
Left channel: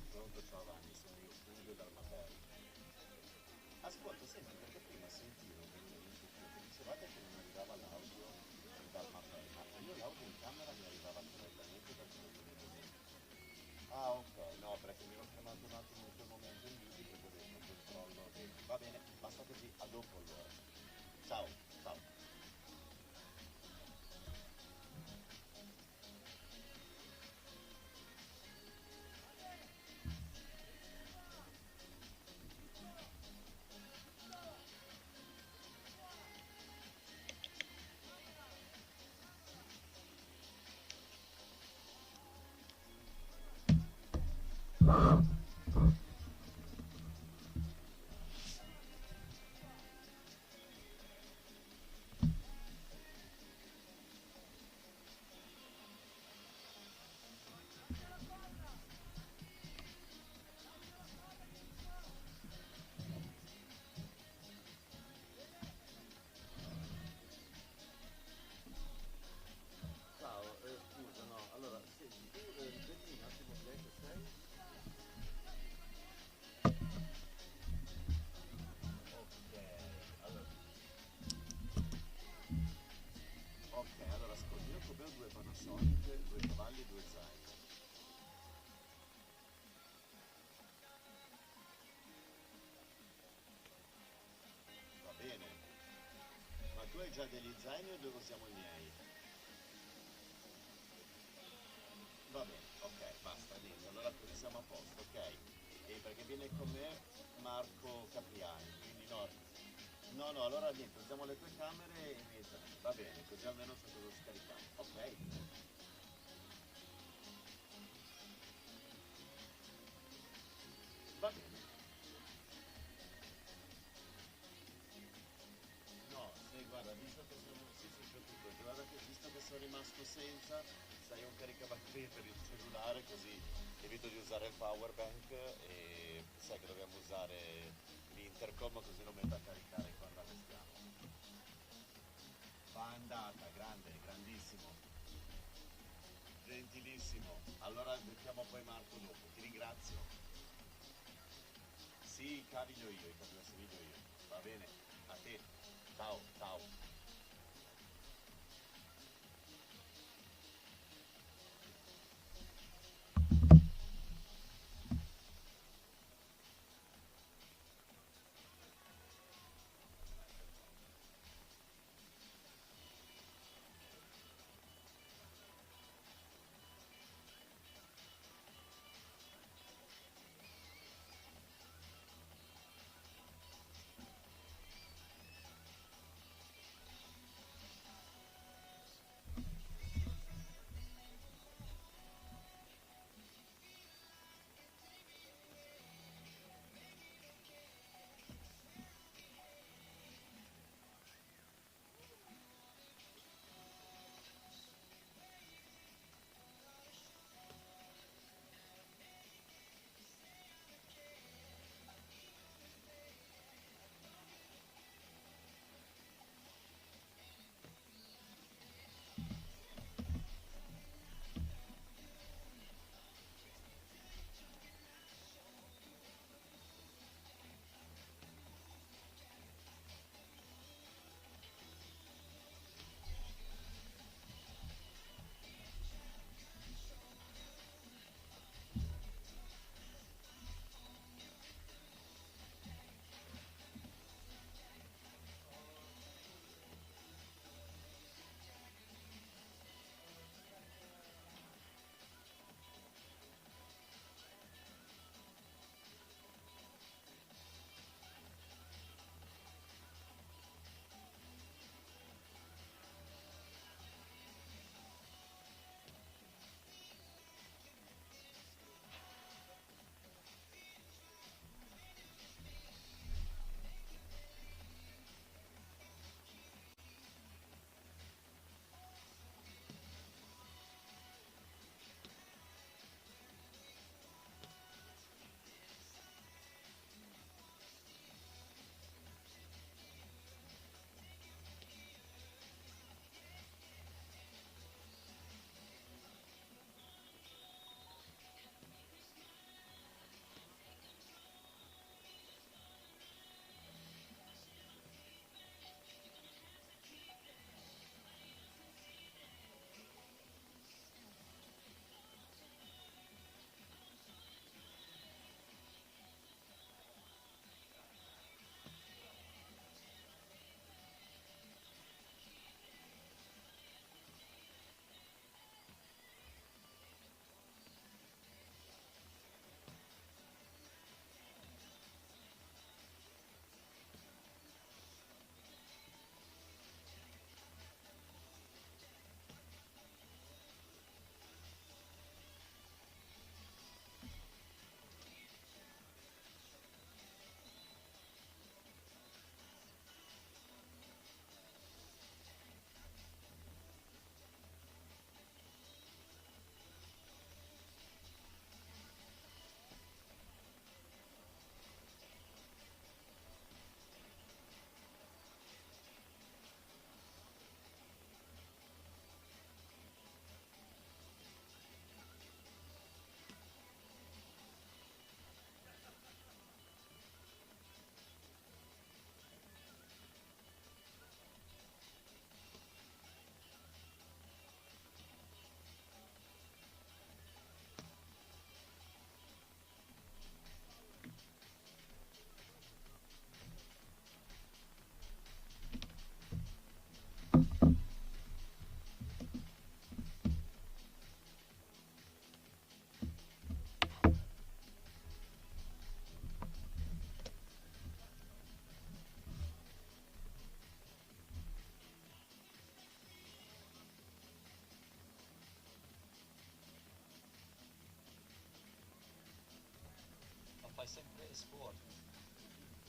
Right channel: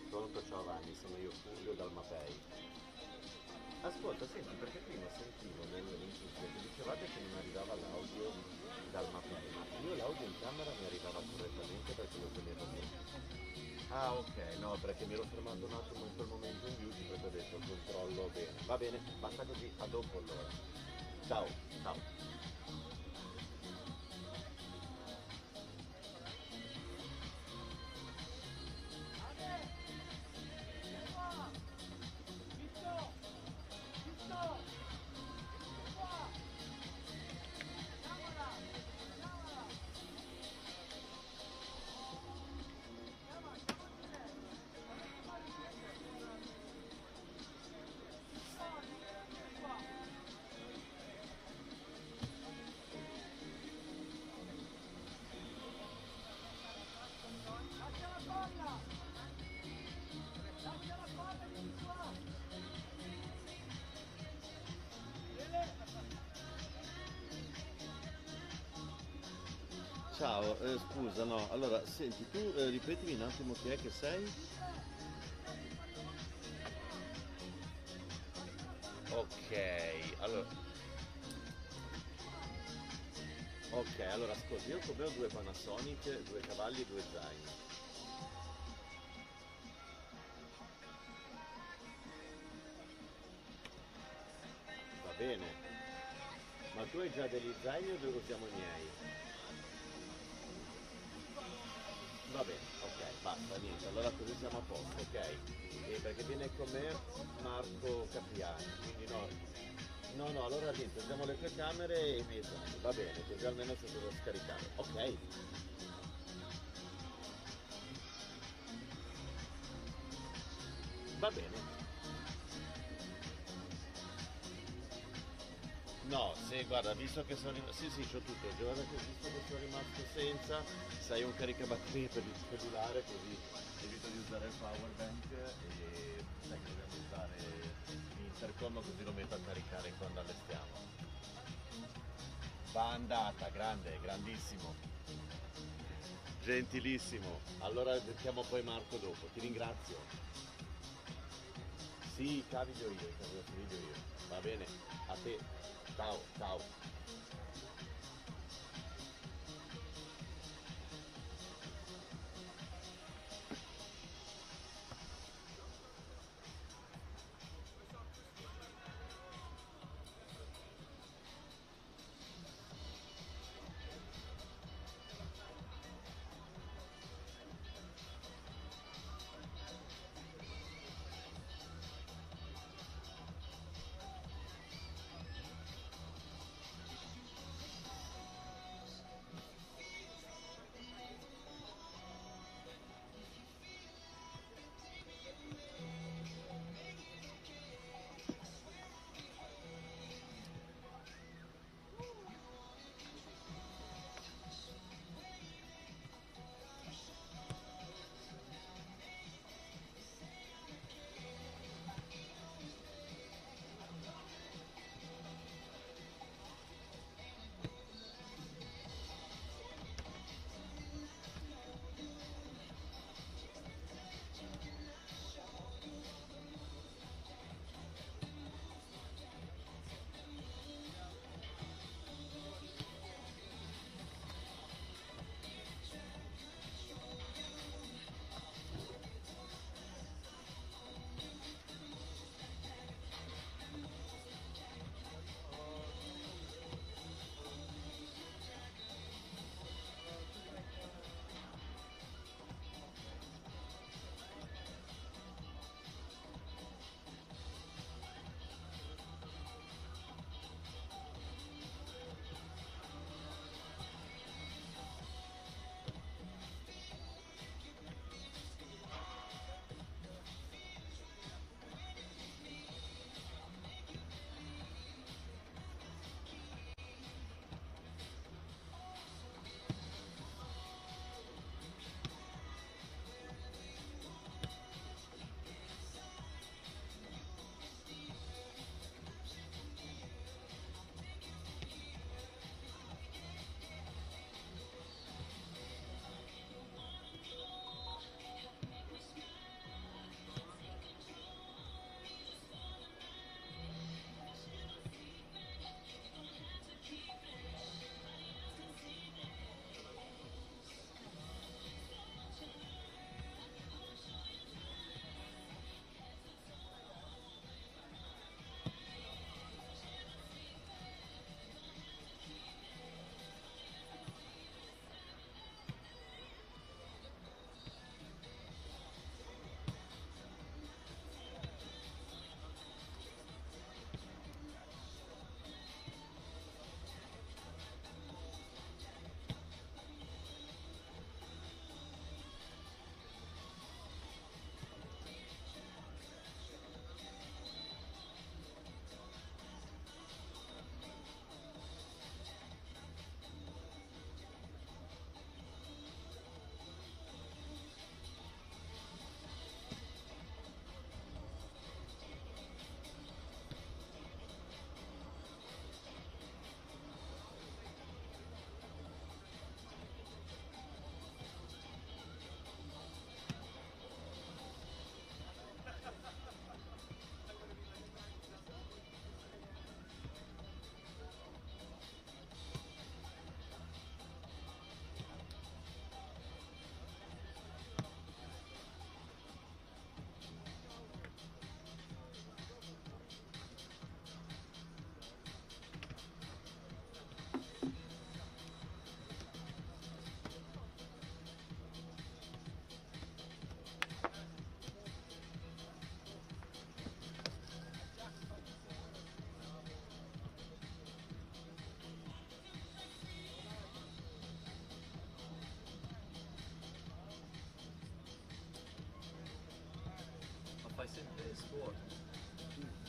Pronto, ciao Vanni, sono io Fulvio dal Mapei. Ascolta, senti, perché prima sentivo nell'input che dicevate che non arrivava l'audio dal Mapei, ma io l'audio in camera mi arrivava correttamente perché lo tenevo bene. Ah, ok, no, perché mi ero fermato un attimo in quel momento in YouTube e ho detto controllo bene. Va bene, basta così, a dopo allora. Ciao, ciao. Ciao, scusa, no, allora, senti, tu ripetimi un attimo chi è che sei? Ok, allora ascolti, io come ho 2 Panasonic, 2 cavalli e 2 zaini. Va bene, ma tu hai già degli zaini o dove siamo i miei? Va bene, ok, basta, niente, allora così siamo a posto, ok? E perché viene con me Marco Capriani, quindi no, No, no, allora niente, usiamo le tue camere e i miei zombie, va bene, così almeno c'è cosa scaricare. Ok. Va bene. No, sì, guarda, visto che sono rimasto... Sì, sì, c'ho tutto. Guarda che visto che sono rimasto senza, sai un caricabatterie per il cellulare, così evito di usare il power bank e sai che dobbiamo usare l'intercom così lo metto a caricare quando allestiamo. Va andata, grande, grandissimo, gentilissimo. Allora chiamo poi Marco dopo, ti ringrazio. Sì, i cavi li ho io, i cavi da video io. Va bene, a te. Ciao, ciao.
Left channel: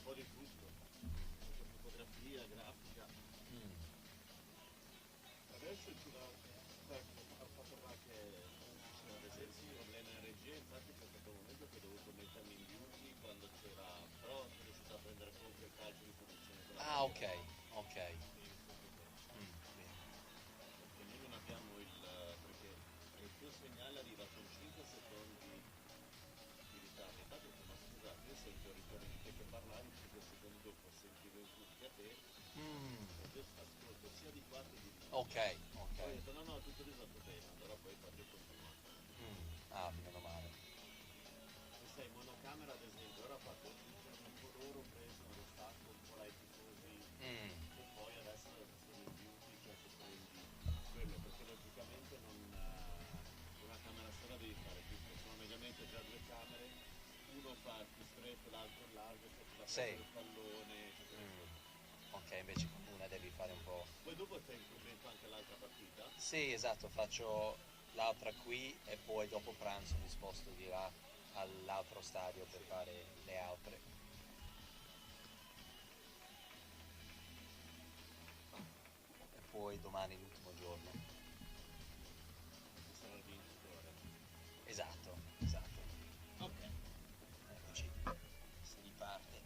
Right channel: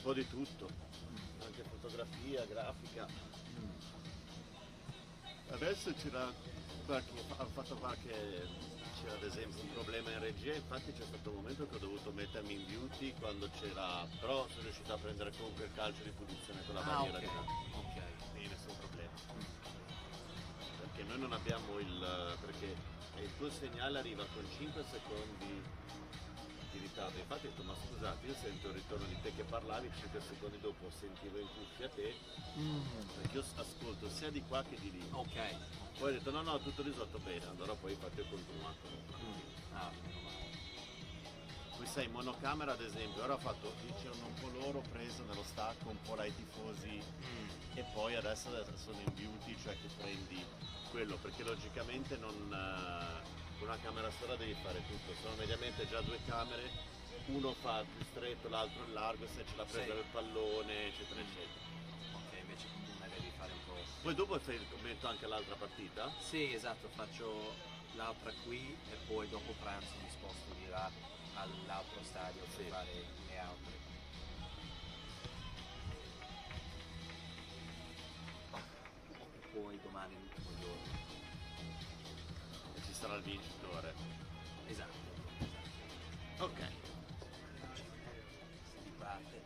po' di tutto, anche fotografia, grafica. Adesso c'era ha fatto qualche, c'era ad esempio un problema in regia, infatti c'è stato un momento che ho dovuto mettermi in beauty quando c'era, però sono riuscito a prendere comunque il calcio di punizione con la barriera di là. Ok. Quindi nessun problema. Perché noi non abbiamo perché il tuo segnale arriva con 5 secondi di ritardo. Infatti ho detto, ma scusate, io sento il ritorno di te che parlavi, 5 secondi dopo sentivo in cuffia te, perché io ascolto sia di qua che di lì. Ok. Poi ho detto no, tutto risolto bene, allora poi infatti ho continuato. Ah, meno male. Poi sai, monocamera ad esempio, ora ho fatto, c'erano un po' loro preso nello stacco, un po' là i tifosi, e poi adesso sono in beauty, cioè che prendi quello, perché logicamente non, con una camera sola devi fare tutto, sono mediamente già due camere, uno fa più stretto, l'altro il largo, se c'è la presa del pallone, eccetera, eccetera. Ok, invece con una devi fare un po'. Poi dopo fai il commento anche all'altra partita? Sì, esatto, faccio l'altra qui e poi dopo pranzo mi sposto di là all'altro stadio per fare le altre. E poi domani l'ultimo giorno. Ci sarà il vincitore. Esatto. Ok. Si parte.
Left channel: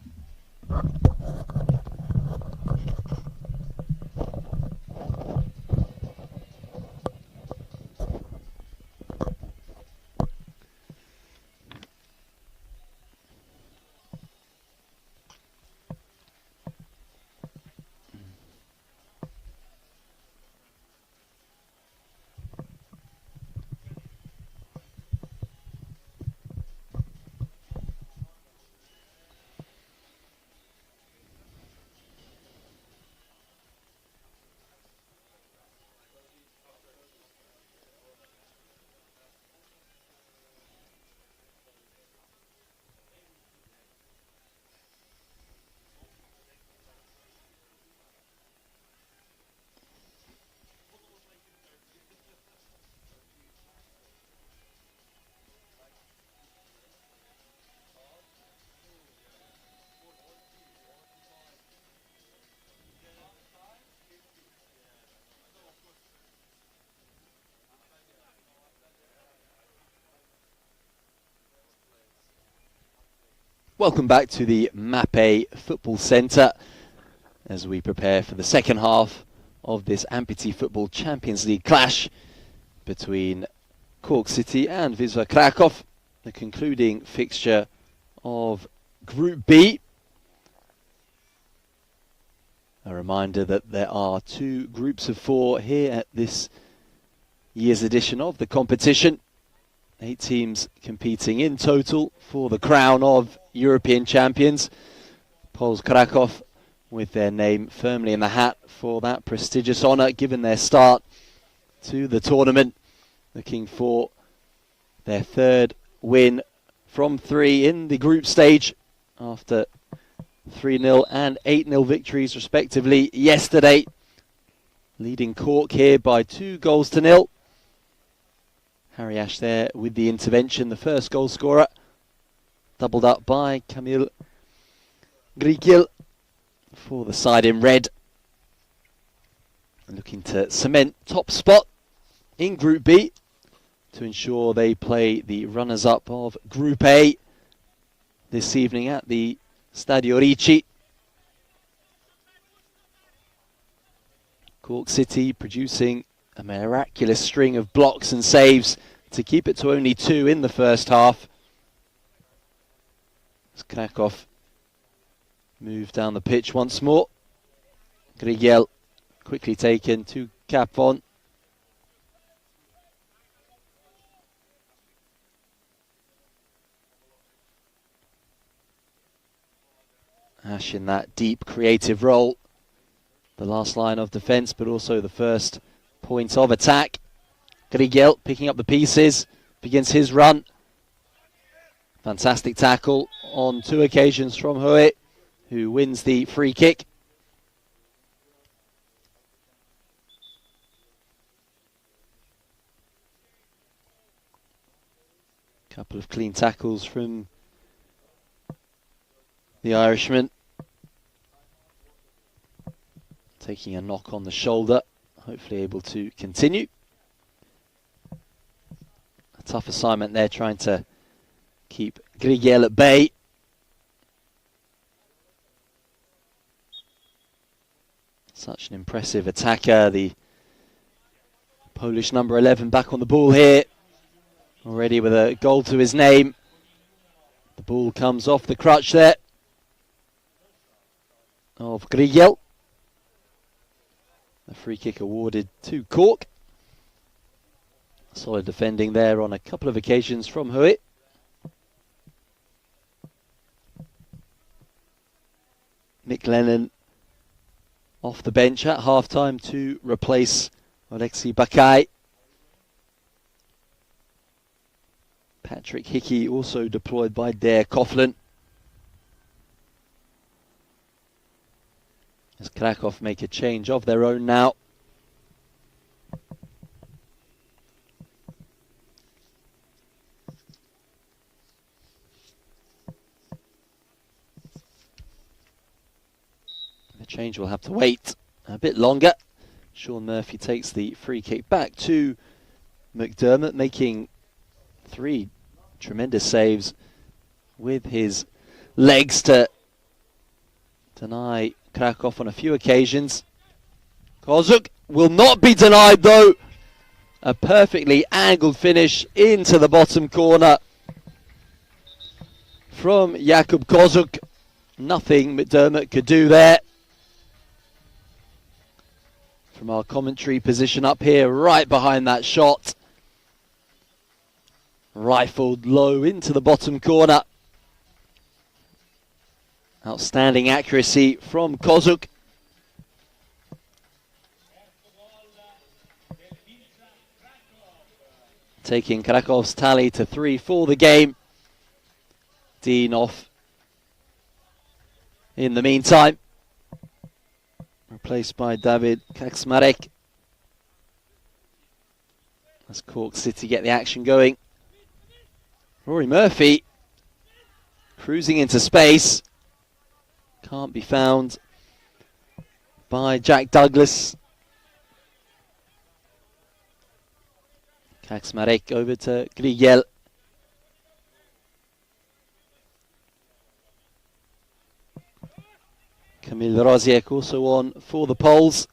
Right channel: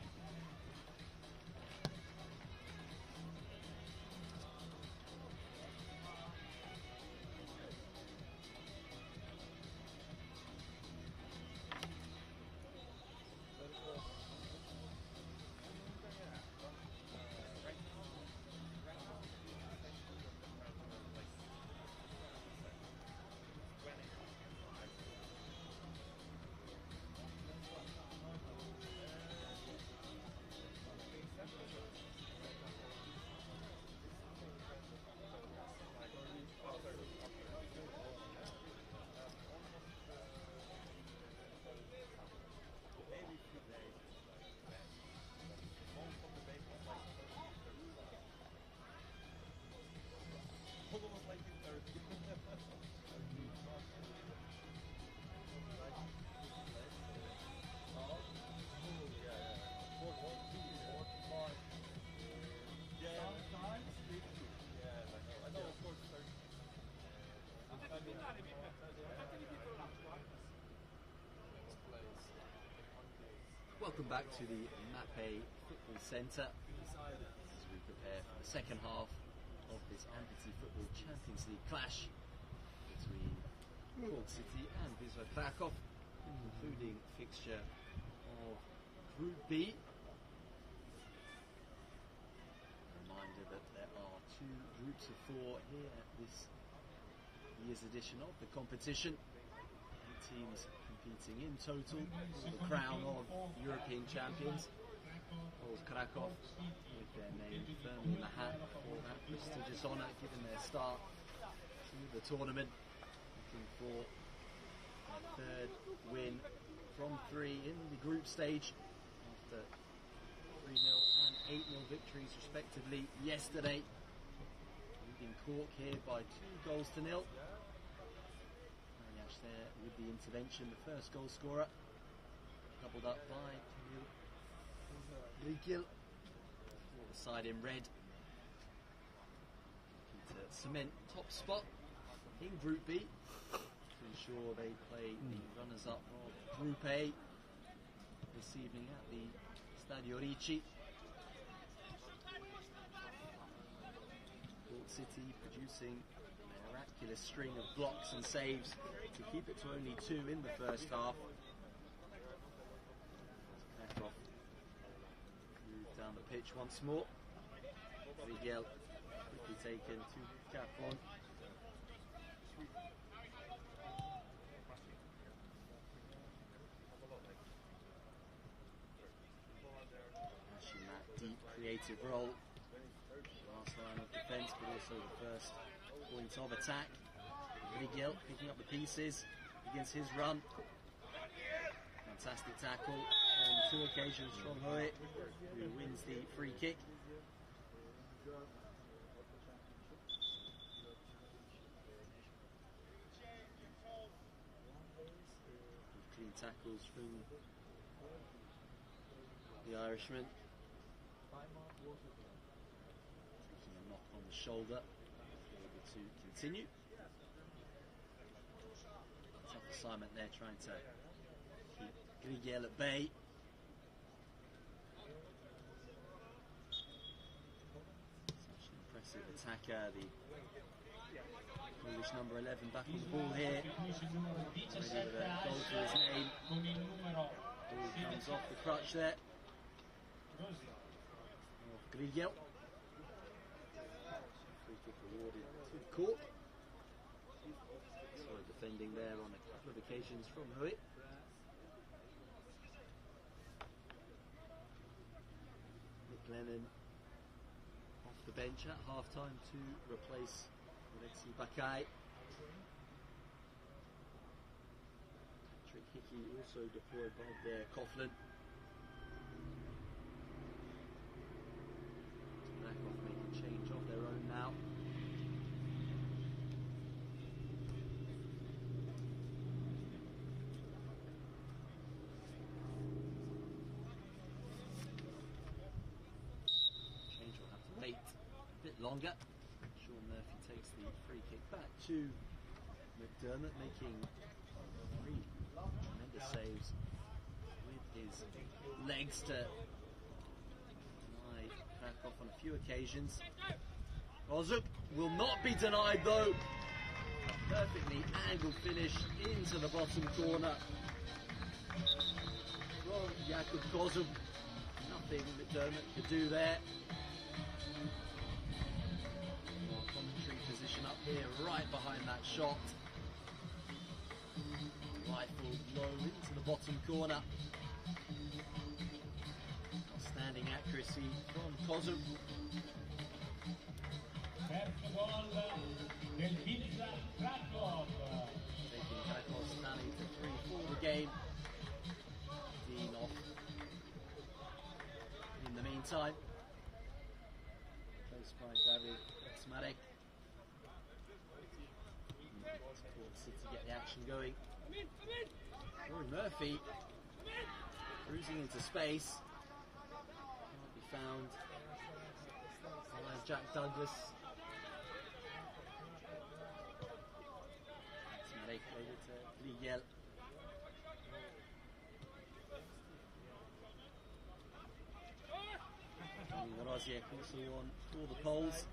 Welcome back to the Mape Football Centre as we prepare for the second half of this Amputee Football Champions League clash between Cork City and Wisla Krakow, the concluding fixture of Group B. A reminder that there are two groups of four here at this year's edition of the competition. 8 teams competing in total for the crown of European champions. Pols Krakow with their name firmly in the hat for that prestigious honour, given their start to the tournament, looking for their third win from 3 in the group stage after 3-0 and 8-0 victories respectively yesterday, leading Cork here by 2-0. Harry Ash there with the intervention, the first goal scorer, doubled up by Camille Grigil for the side in red, looking to cement top spot in Group B to ensure they play the runners-up of Group A this evening at the Stadio Ricci. Cork City producing a miraculous string of blocks and saves to keep it to only 2 in the first half. As Krakow move down the pitch once more. Grigel quickly taken to Capon. Ash in that deep creative role. The last line of defence, but also the first point of attack. Grigel picking up the pieces, begins his run. Fantastic tackle on 2 occasions from Hoet, who wins the free kick. Couple of clean tackles from the Irishman. taking a knock on the shoulder, hopefully able to continue. A tough assignment there, trying to keep Grigel at bay. Such an impressive attacker, the Polish number 11 back on the ball here, already with a goal to his name. The ball comes off the crutch there of Grigel. A free kick awarded to Cork. Solid defending there on a couple of occasions from Huit. Mick Lennon off the bench at half-time to replace Alexei Bakai. Patrick Hickey also deployed by Dare Coughlin. As Krakow make a change of their own now. The change will have to wait a bit longer. Sean Murphy takes the free kick back to McDermott, making 3 tremendous saves with his legs to deny Krakow on a few occasions. Kozuk will not be denied though. A perfectly angled finish into the bottom corner from Jakub Kozuk. Nothing McDermott could do there. From our commentary position up here, right behind that shot. Rifled low into the bottom corner. Outstanding accuracy from Kozuk. Taking Krakow's tally to 3 for the game. Dean off in the meantime. Replaced by David Kaczmarek. As Cork City get the action going. Rory Murphy cruising into space. Can't be found by Jack Douglas. Kaczmarek over to Grigel. Kamil Roziek also on for the Poles.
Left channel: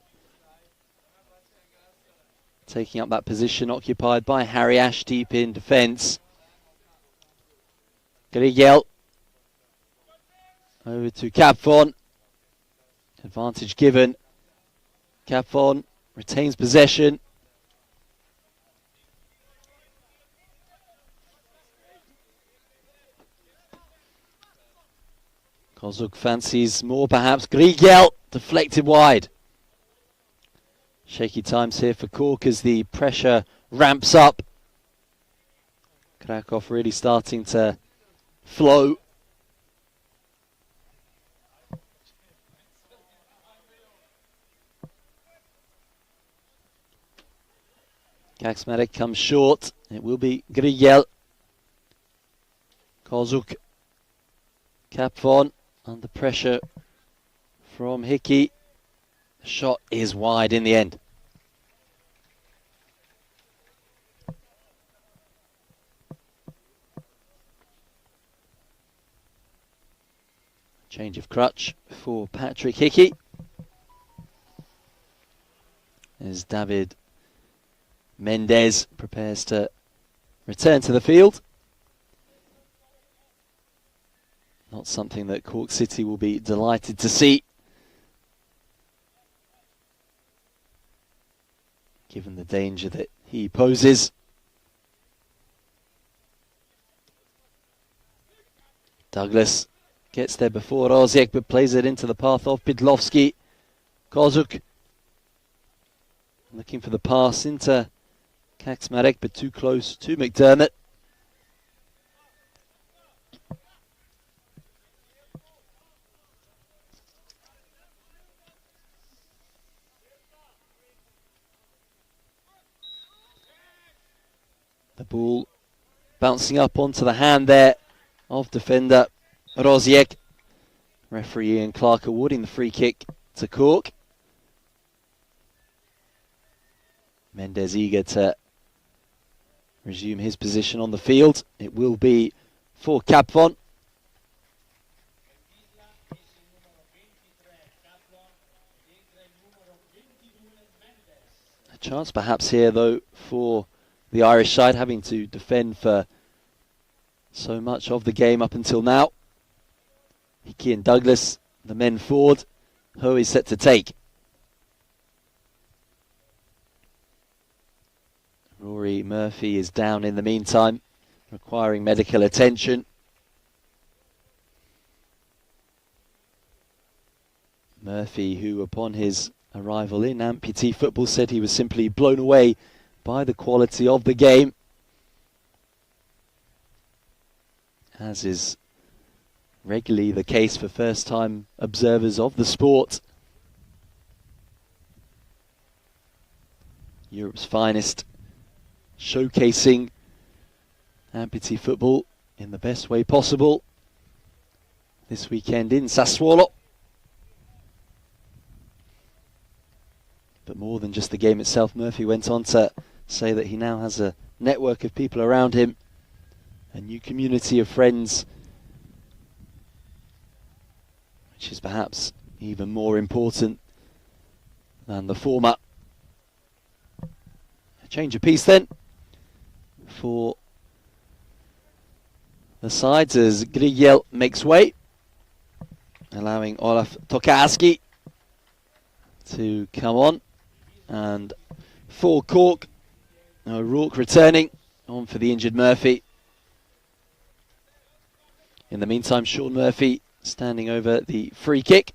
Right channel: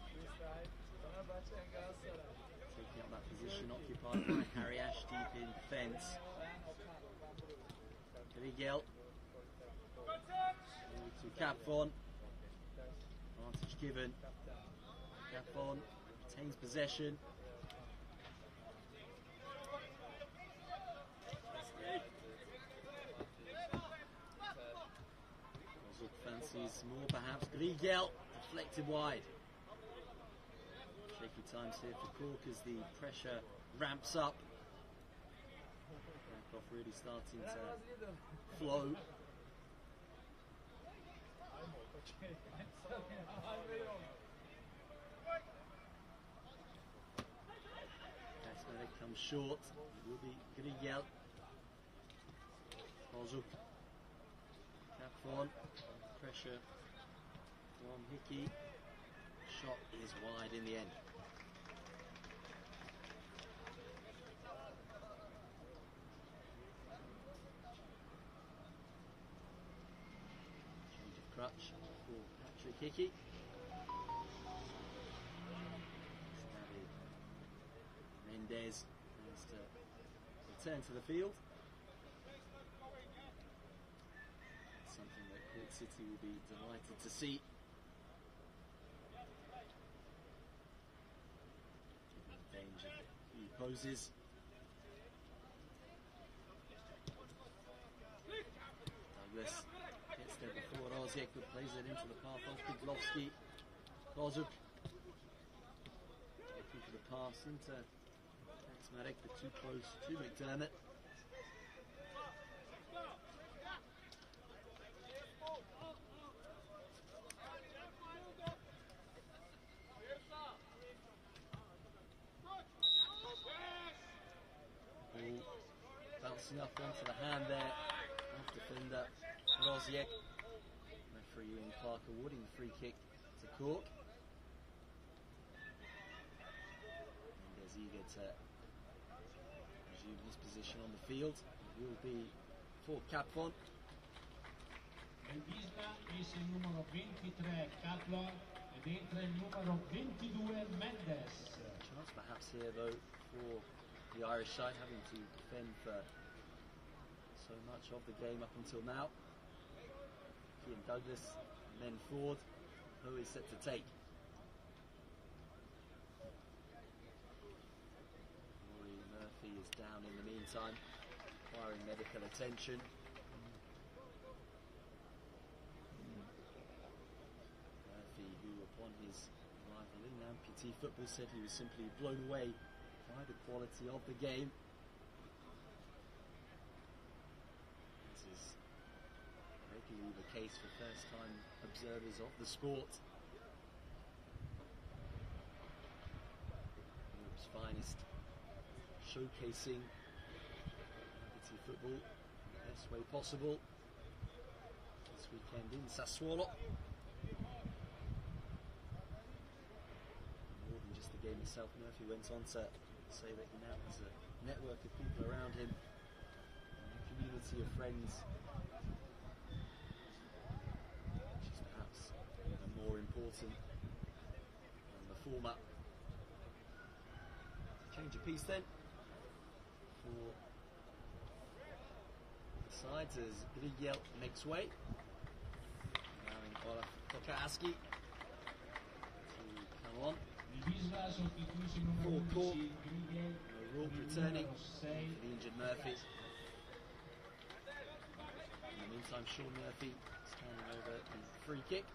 Taking up that position occupied by Harry Ash deep in defence. Grigel over to Capfon. Advantage given. Capfon retains possession. Kozuk fancies more perhaps. Grigel deflected wide. Shaky times here for Cork as the pressure ramps up. Krakow really starting to flow. Kaczmarek comes short. It will be Grigel. Kozuk. Capfon under pressure from Hickey. Shot is wide in the end. Change of crutch for Patrick Hickey. As David Mendez prepares to return to the field. Not something that Cork City will be delighted to see, given the danger that he poses. Douglas gets there before Roziek, but plays it into the path of Pidlovski. Kozuk looking for the pass into Kaczmarek, but too close to McDermott. The ball bouncing up onto the hand there of defender Roziek. Referee Ian Clark awarding the free kick to Cork. Mendes eager to resume his position on the field. It will be for Capvon. Wisla esce il numero 23 Caplon ed entra il numero 22 Mendes. A chance perhaps here though for the Irish side, having to defend for so much of the game up until now. Hickey and Douglas, the men forward. Ho is set to take. Rory Murphy is down in the meantime, requiring medical attention. Murphy, who upon his arrival in amputee football said he was simply blown away by the quality of the game, as is regularly the case for first-time observers of the sport. Europe's finest, showcasing amputee football in the best way possible this weekend in Sassuolo. But more than just the game itself, Murphy went on to say that he now has a network of people around him, a new community of friends, which is perhaps even more important than the former. A change of pace then for the sides as Grigiel makes way, allowing Olaf Tokarski to come on. And for Cork, O'Rourke returning on for the injured Murphy. In the meantime, Sean Murphy standing over the free kick.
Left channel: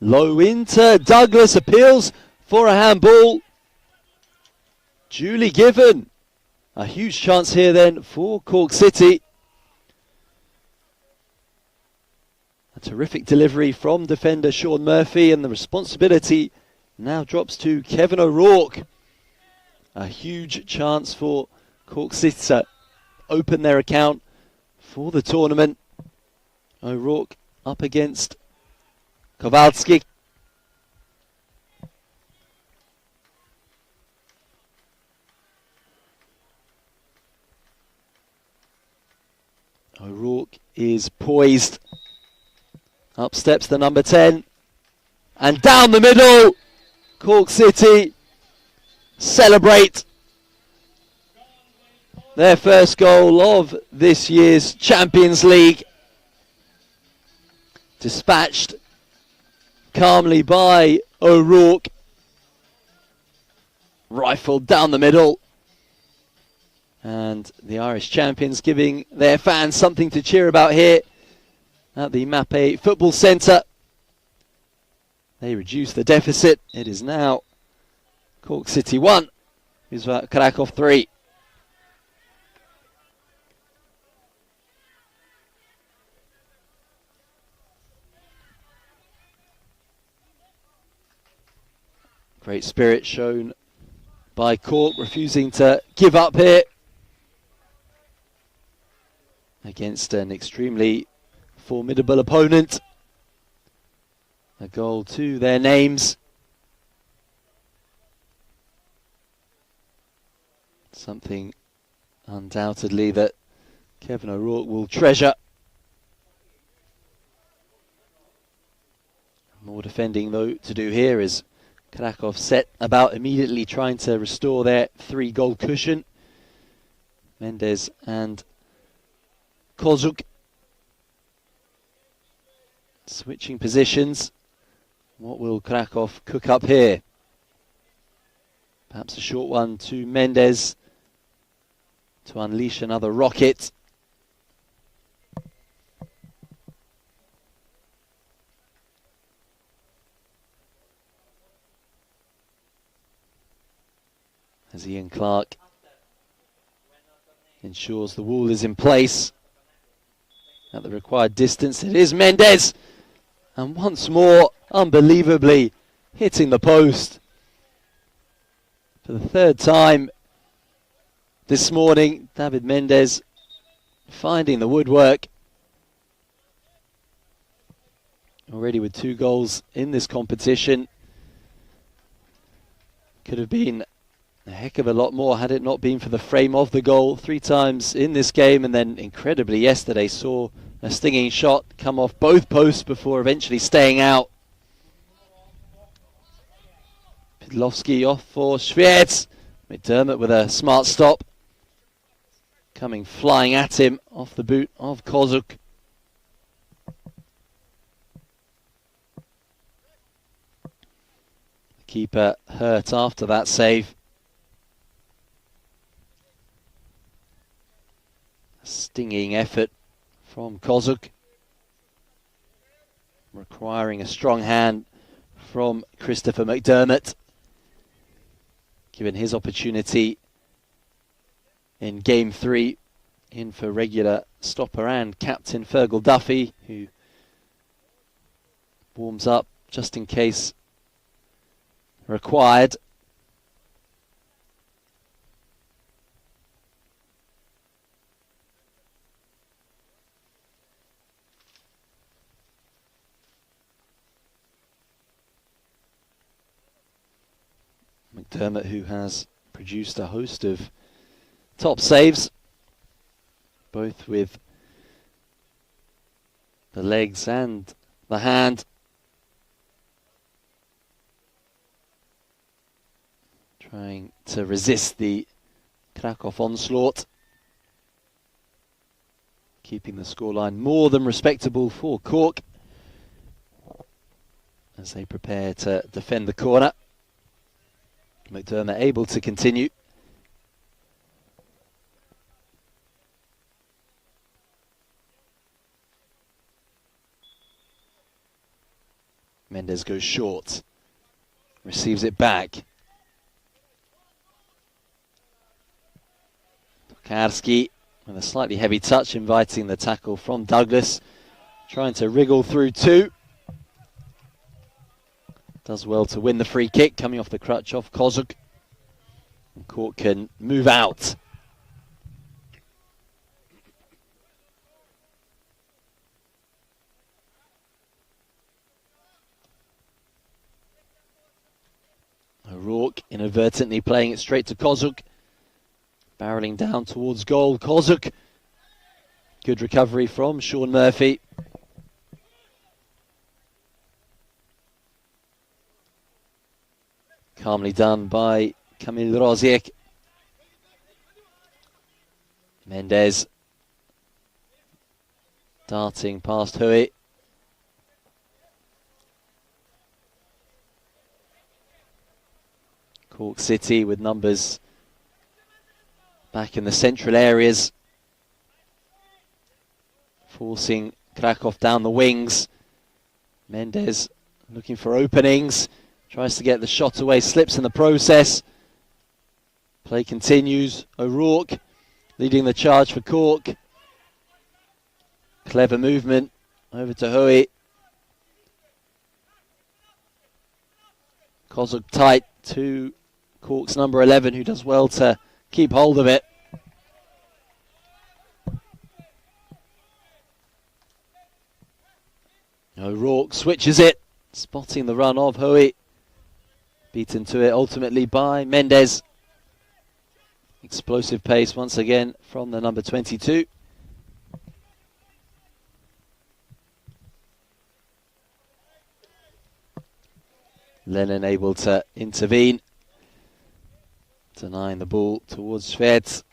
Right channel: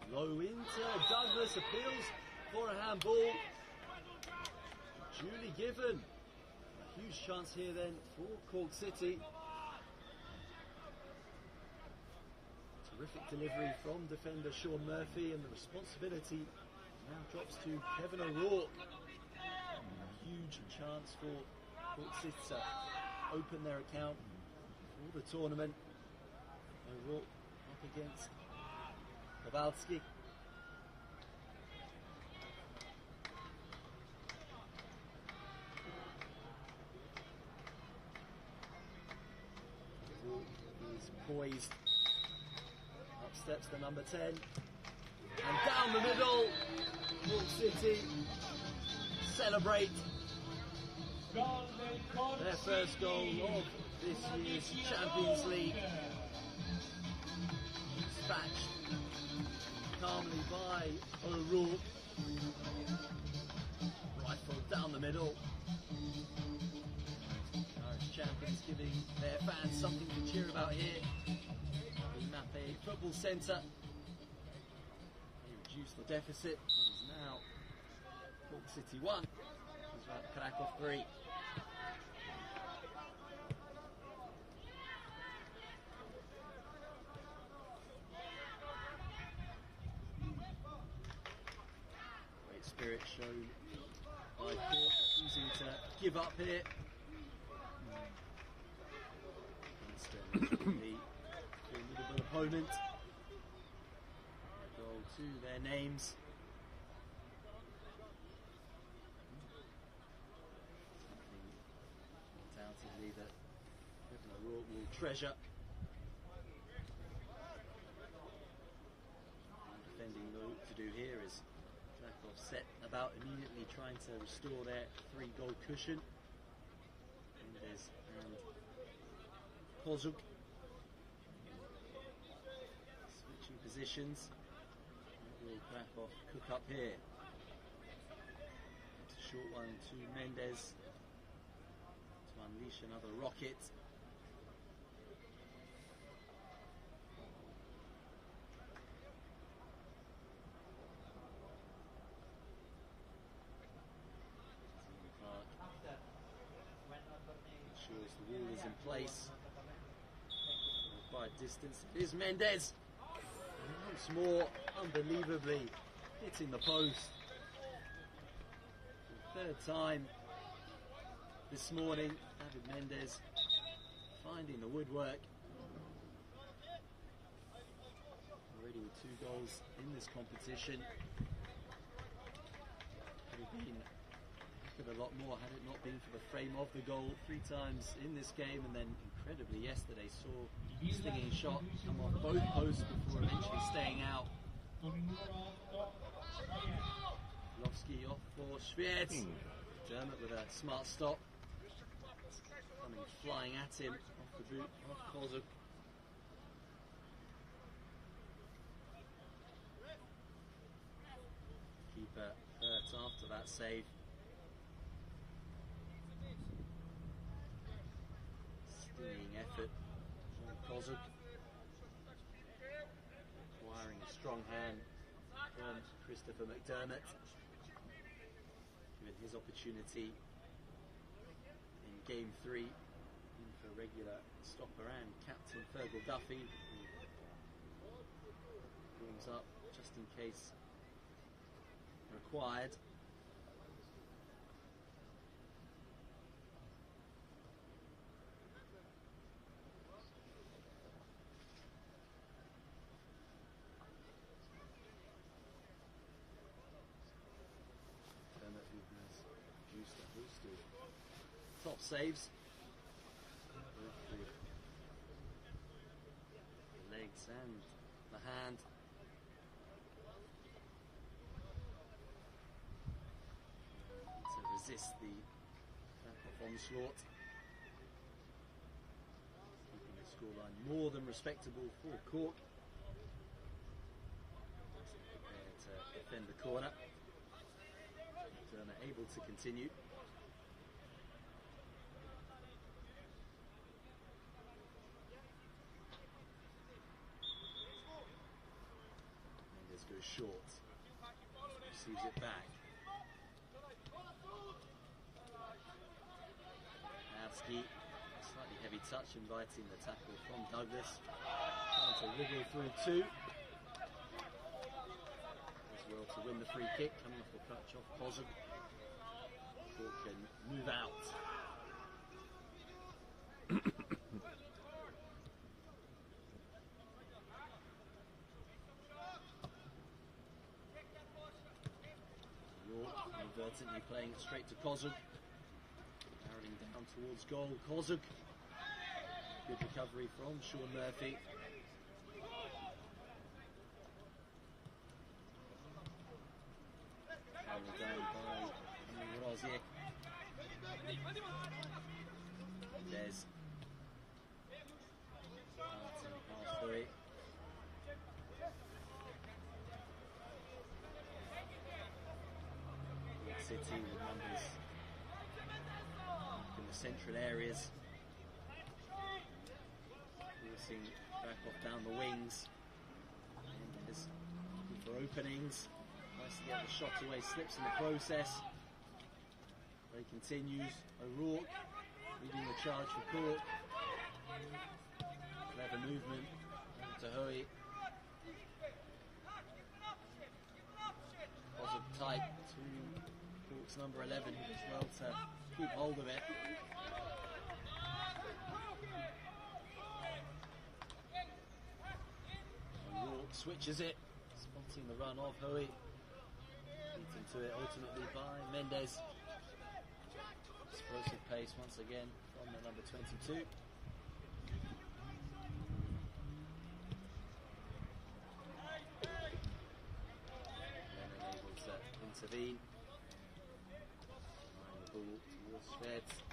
Low into Douglas, appeals for a handball. Duly given. A huge chance here then for Cork City. A terrific delivery from defender Sean Murphy, and the responsibility now drops to Kevin O'Rourke. A huge chance for Cork City to open their account for the tournament. O'Rourke up against Kowalski. O'Rourke is poised. Up steps the number 10. And down the middle. Cork City celebrate their first goal of this year's Champions League. Dispatched calmly by O'Rourke. Rifled down the middle. And the Irish champions giving their fans something to cheer about here at the Mappe Football Centre. They reduce the deficit. It is now Cork City 1, Wisla Krakow 3. Great spirit shown by Cork, refusing to give up here against an extremely formidable opponent. A goal to their names. Something undoubtedly that Kevin O'Rourke will treasure. More defending though to do here as Krakow set about immediately trying to restore their 3-goal cushion. Mendes and Kozuk switching positions. What will Krakow cook up here? Perhaps a short one to Mendes to unleash another rocket. As Ian Clark ensures the wall is in place at the required distance. It is Mendes, and once more, unbelievably, hitting the post for the 3rd time this morning. David Mendes finding the woodwork. Already with 2 goals in this competition. Could have been a heck of a lot more had it not been for the frame of the goal 3 times in this game, and then incredibly yesterday saw a stinging shot come off both posts before eventually staying out. Pidlowski off for Schwierz. McDermott with a smart stop. Coming flying at him off the boot of Kozuk. Keeper hurt after that save. Stinging effort from Kozuk, requiring a strong hand from Christopher McDermott, given his opportunity in game 3 in for regular stopper and captain Fergal Duffy, who warms up just in case required. McDermott, who has produced a host of top saves, both with the legs and the hand. Trying to resist the Krakow onslaught. Keeping the scoreline more than respectable for Cork as they prepare to defend the corner. McDermott able to continue. Mendes goes short, receives it back. Karski with a slightly heavy touch, inviting the tackle from Douglas, trying to wriggle through 2. Does well to win the free kick, coming off the crutch of Kozuk. Cork can move out. O'Rourke inadvertently playing it straight to Kozuk. Barreling down towards goal. Kozuk. Good recovery from Sean Murphy. Calmly done by Kamil Roziek. Mendes darting past Hui. Cork City with numbers back in the central areas, forcing Krakow down the wings. Mendes looking for openings. Tries to get the shot away, slips in the process. Play continues. O'Rourke leading the charge for Cork. Clever movement over to Hui. Kozuk tight to Cork's number 11, who does well to keep hold of it. O'Rourke switches it, spotting the run of Hui. Beaten to it ultimately by Mendes. Explosive pace once again from the number 22. Lennon able to intervene, denying the ball towards Schwierz.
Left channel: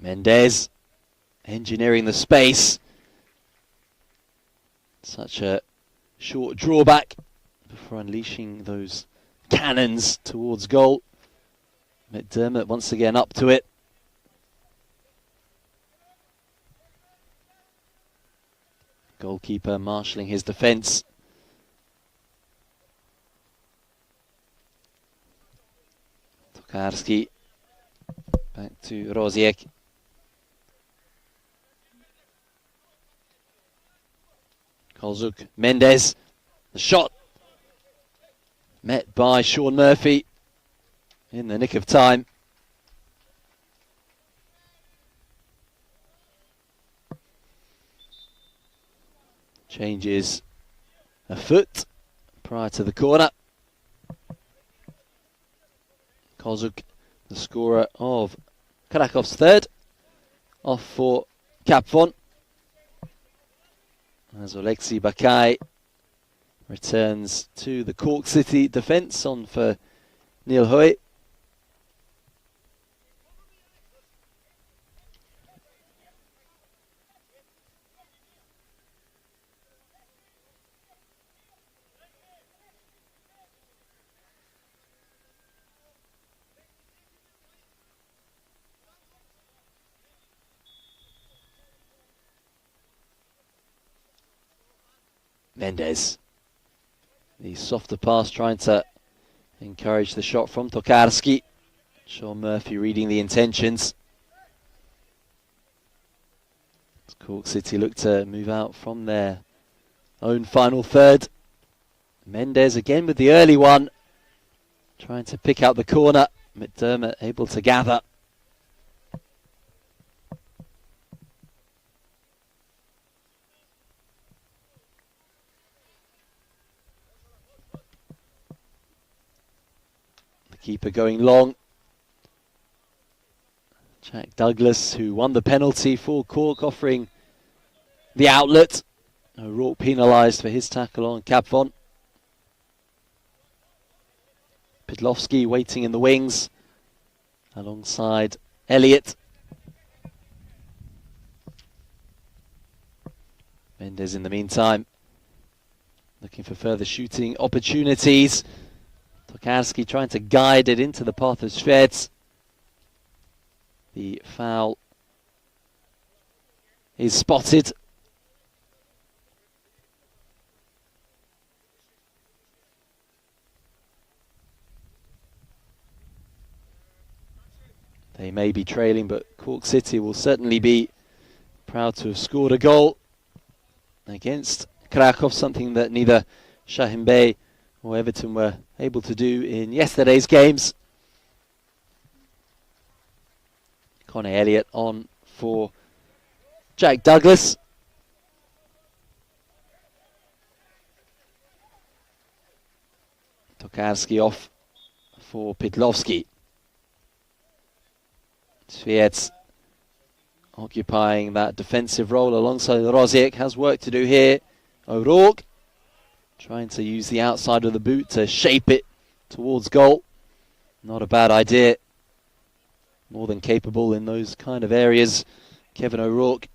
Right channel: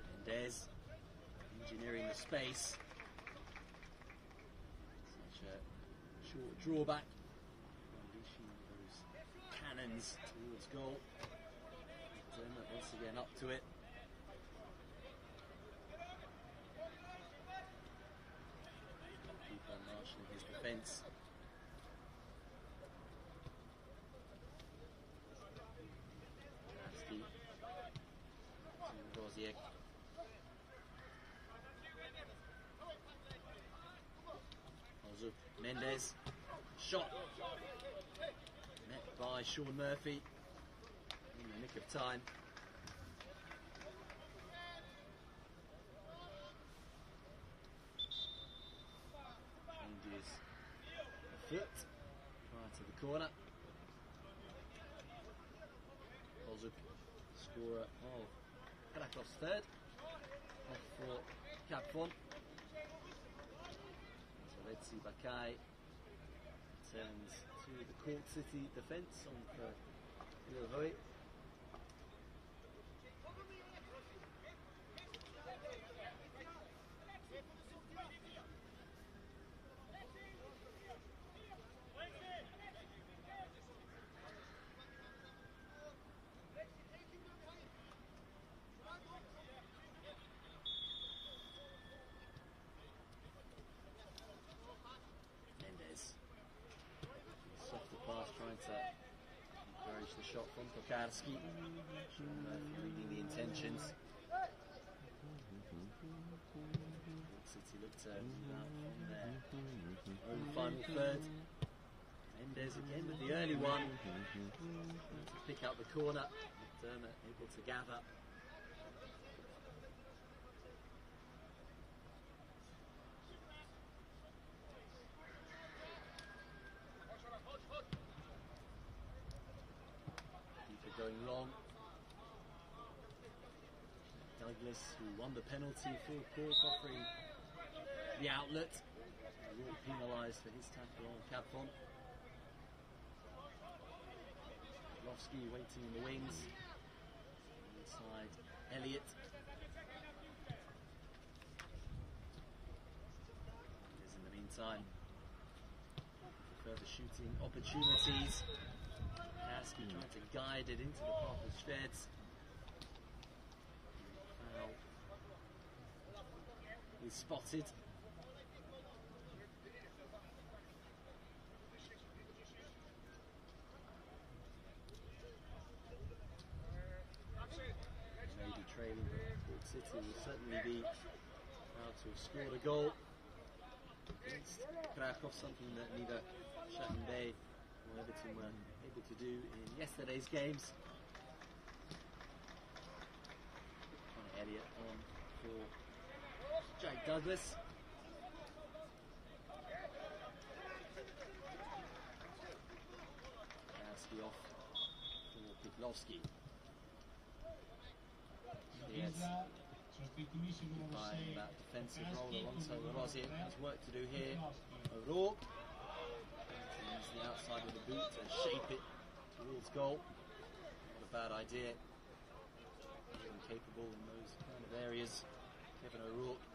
Mendes engineering the space. Such a short drawback before unleashing those cannons towards goal. McDermott once again up to it. Goalkeeper marshalling his defence. Tokarski. Back to Rosiek. Kolzuk, Mendes. The shot met by Sean Murphy in the nick of time. Changes a foot prior to the corner. Kozuk, the scorer of Krakow's third, off for Capvon. As Oleksiy Bakai returns to the Cork City defence, on for Neil Hoy. Mendes, the softer pass, trying to encourage the shot from Tokarski. Sean Murphy reading the intentions. Cork City look to move out from their own final third. Mendes again with the early one, trying to pick out the corner. McDermott able to gather. Keeper going long. Jack Douglas, who won the penalty for Cork, offering the outlet. O'Rourke penalised for his tackle on Capvon. Pidlovski waiting in the wings alongside Elliott. Mendes in the meantime looking for further shooting opportunities. Tokarski trying to guide it into the path of Svets. The foul is spotted. They may be trailing, but Cork City will certainly be proud to have scored a goal against Krakow, something that neither Shahin Bey or Everton were able to do in yesterday's games. Conor Elliott on for Jack Douglas. Tokarski off for Pidlovski. Sviets occupying that defensive role alongside Rosiek, has work to do here. O'Rourke trying to use the outside of the boot to shape it towards goal. Not a bad idea. More than capable in those kind of areas, Kevin O'Rourke.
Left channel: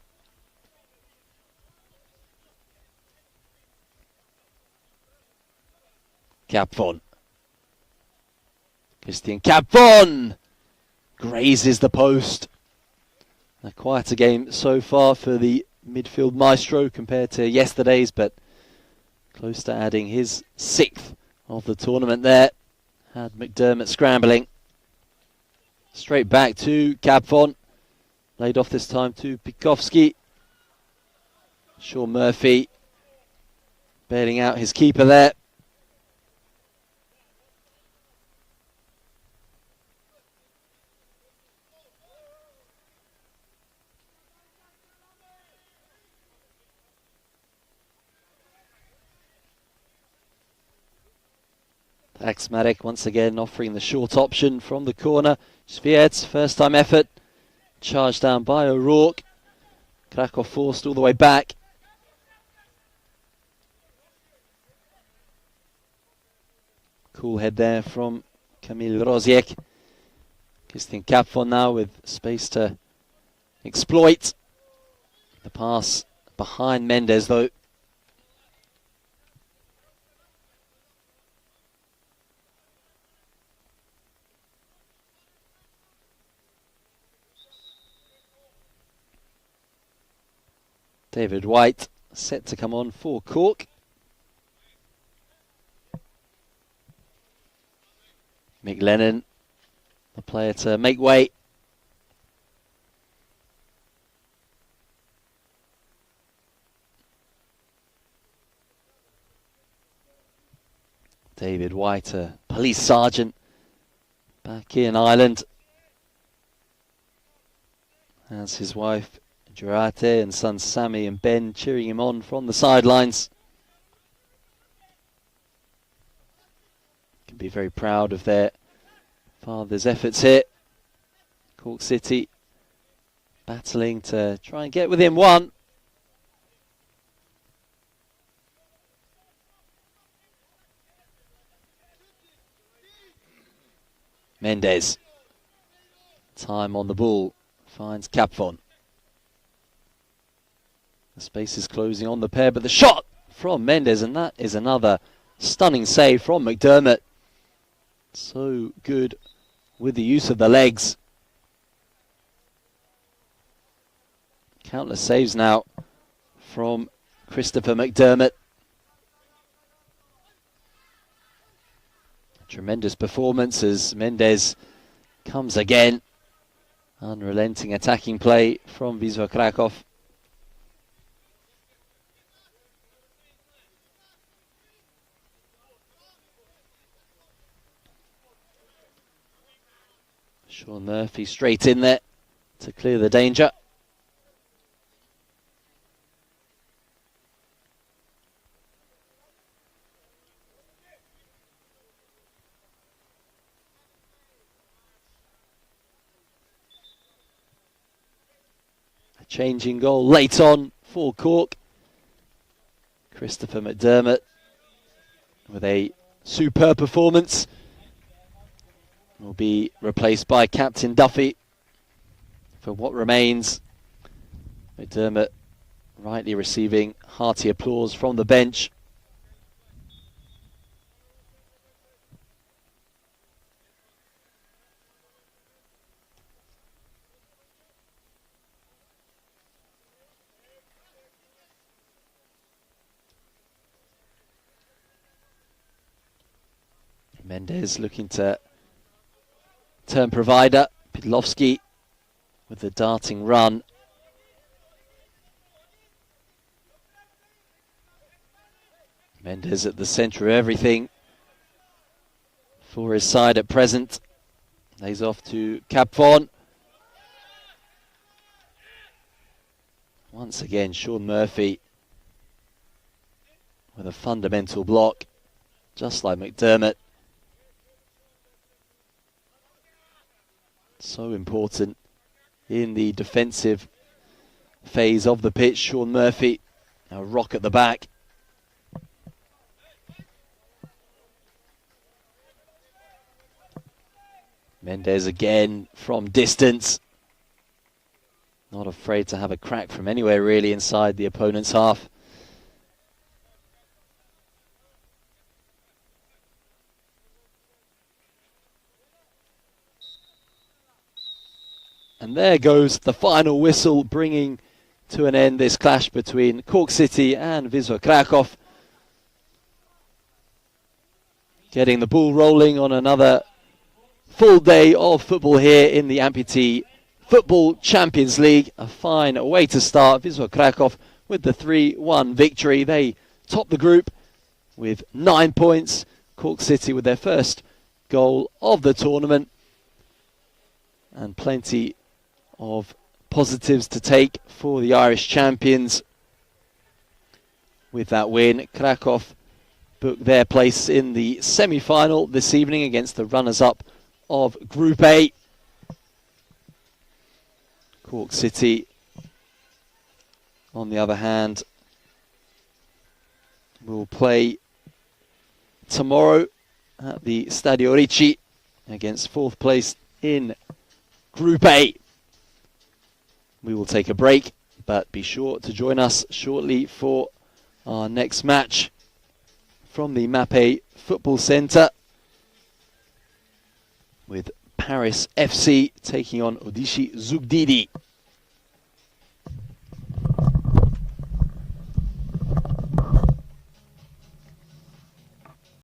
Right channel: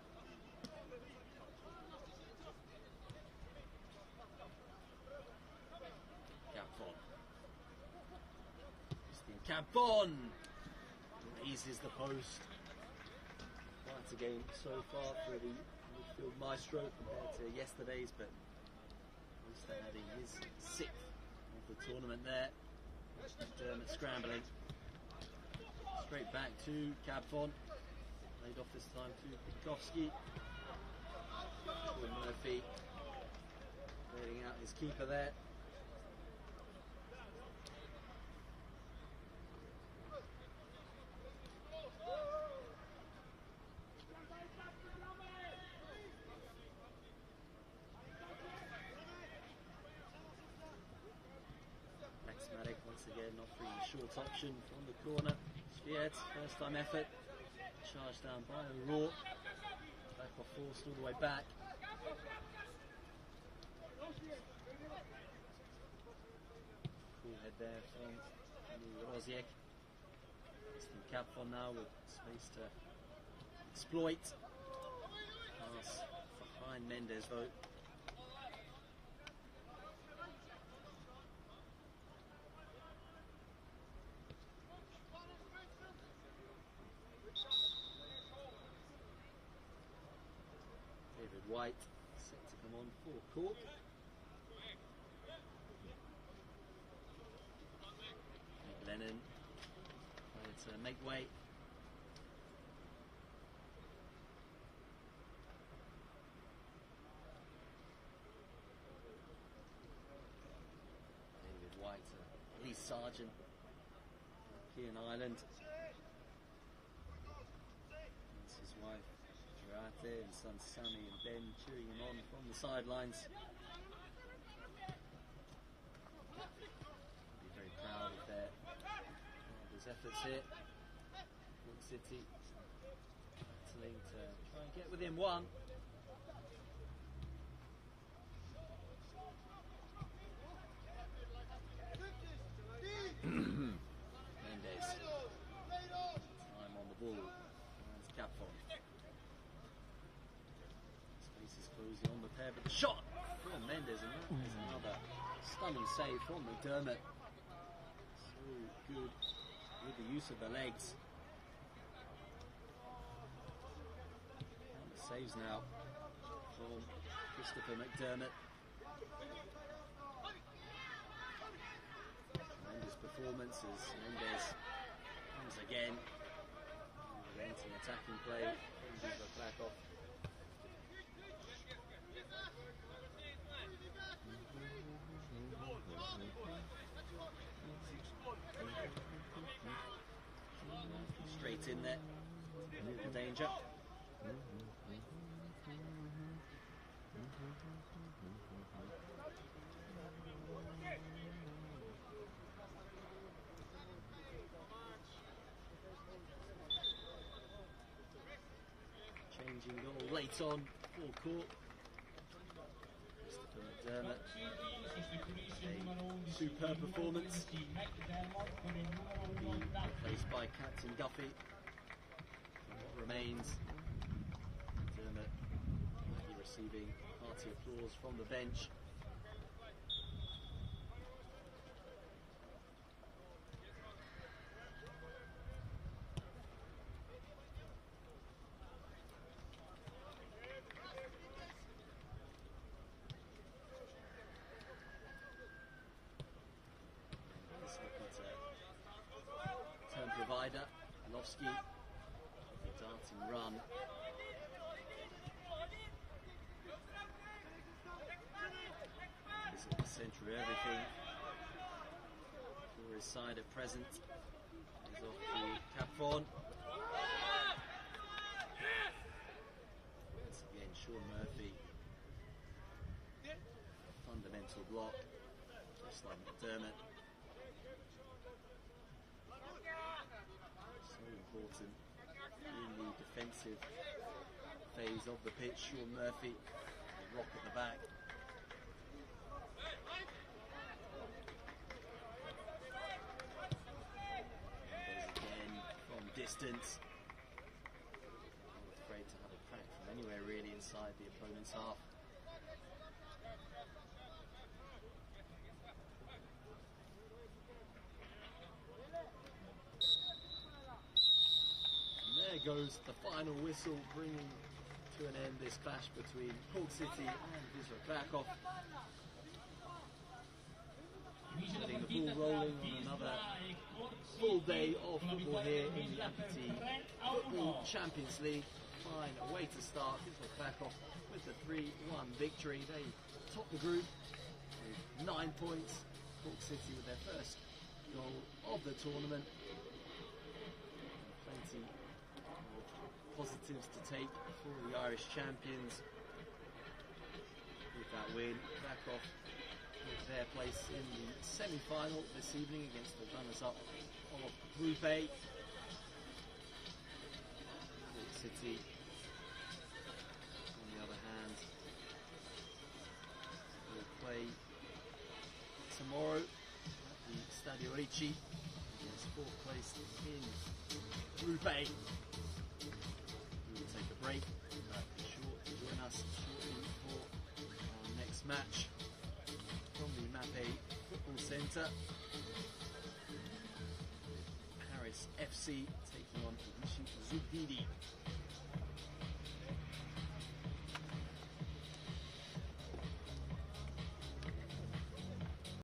Capvon. Christian Capvon grazes the post. A quieter game so far for the midfield maestro compared to yesterday's, but close to adding his 6th of the tournament there. Had McDermott scrambling. Straight back to Capvon. Laid off this time to Pikowski. Sean Murphy bailing out his keeper there. Axmatic once again offering the short option from the corner. Sviets, first time effort. Charged down by O'Rourke. Krakow forced all the way back. Cool head there from Kamil Rosiek. Christian Capvon now with space to exploit. The pass behind Mendes though. David White set to come on for Cork. Mick Lennon the player to make way. David White, a police sergeant back in Ireland, as his wife Jurate and son Sammy and Ben cheering him on from the sidelines. Can be very proud of their father's efforts here. Cork City battling to try and get within one. Mendes, time on the ball, finds Capfon. The space is closing on the pair, but the shot from Mendes, and that is another stunning save from McDermott. So good with the use of the legs. Countless saves now from Christopher McDermott. Tremendous performance as Mendes comes again. Unrelenting attacking play from Wisła Kraków. Sean Murphy straight in there to clear the danger. Changing goal late on for Cork. Christopher McDermott with a superb performance. Will be replaced by Captain Duffy for what remains. McDermott rightly receiving hearty applause from the bench. Mendes looking to turn provider. Pidlovsky with the darting run. Mendes at the centre of everything for his side at present. Lays off to Capfon. Once again, Sean Murphy with a fundamental block, just like McDermott. So important in the defensive phase of the pitch. Sean Murphy, a rock at the back. Mendes again from distance. Not afraid to have a crack from anywhere really inside the opponent's half. And there goes the final whistle, bringing to an end this clash between Cork City and Wisła Kraków. Getting the ball rolling on another full day of football here in the Amputee Football Champions League. A fine way to start. Wisła Kraków with the 3-1 victory. They top the group with 9 points. Cork City with their first goal of the tournament. And plenty of positives to take for the Irish champions. With that win, Kraków booked their place in the semi-final this evening against the runners-up of Group A. Cork City, on the other hand, will play tomorrow at the Stadio Ricci against fourth place in Group A. We will take a break, but be sure to join us shortly for our next match from the Mapei Football Centre, with Paris FC taking on Odishi Zugdidi.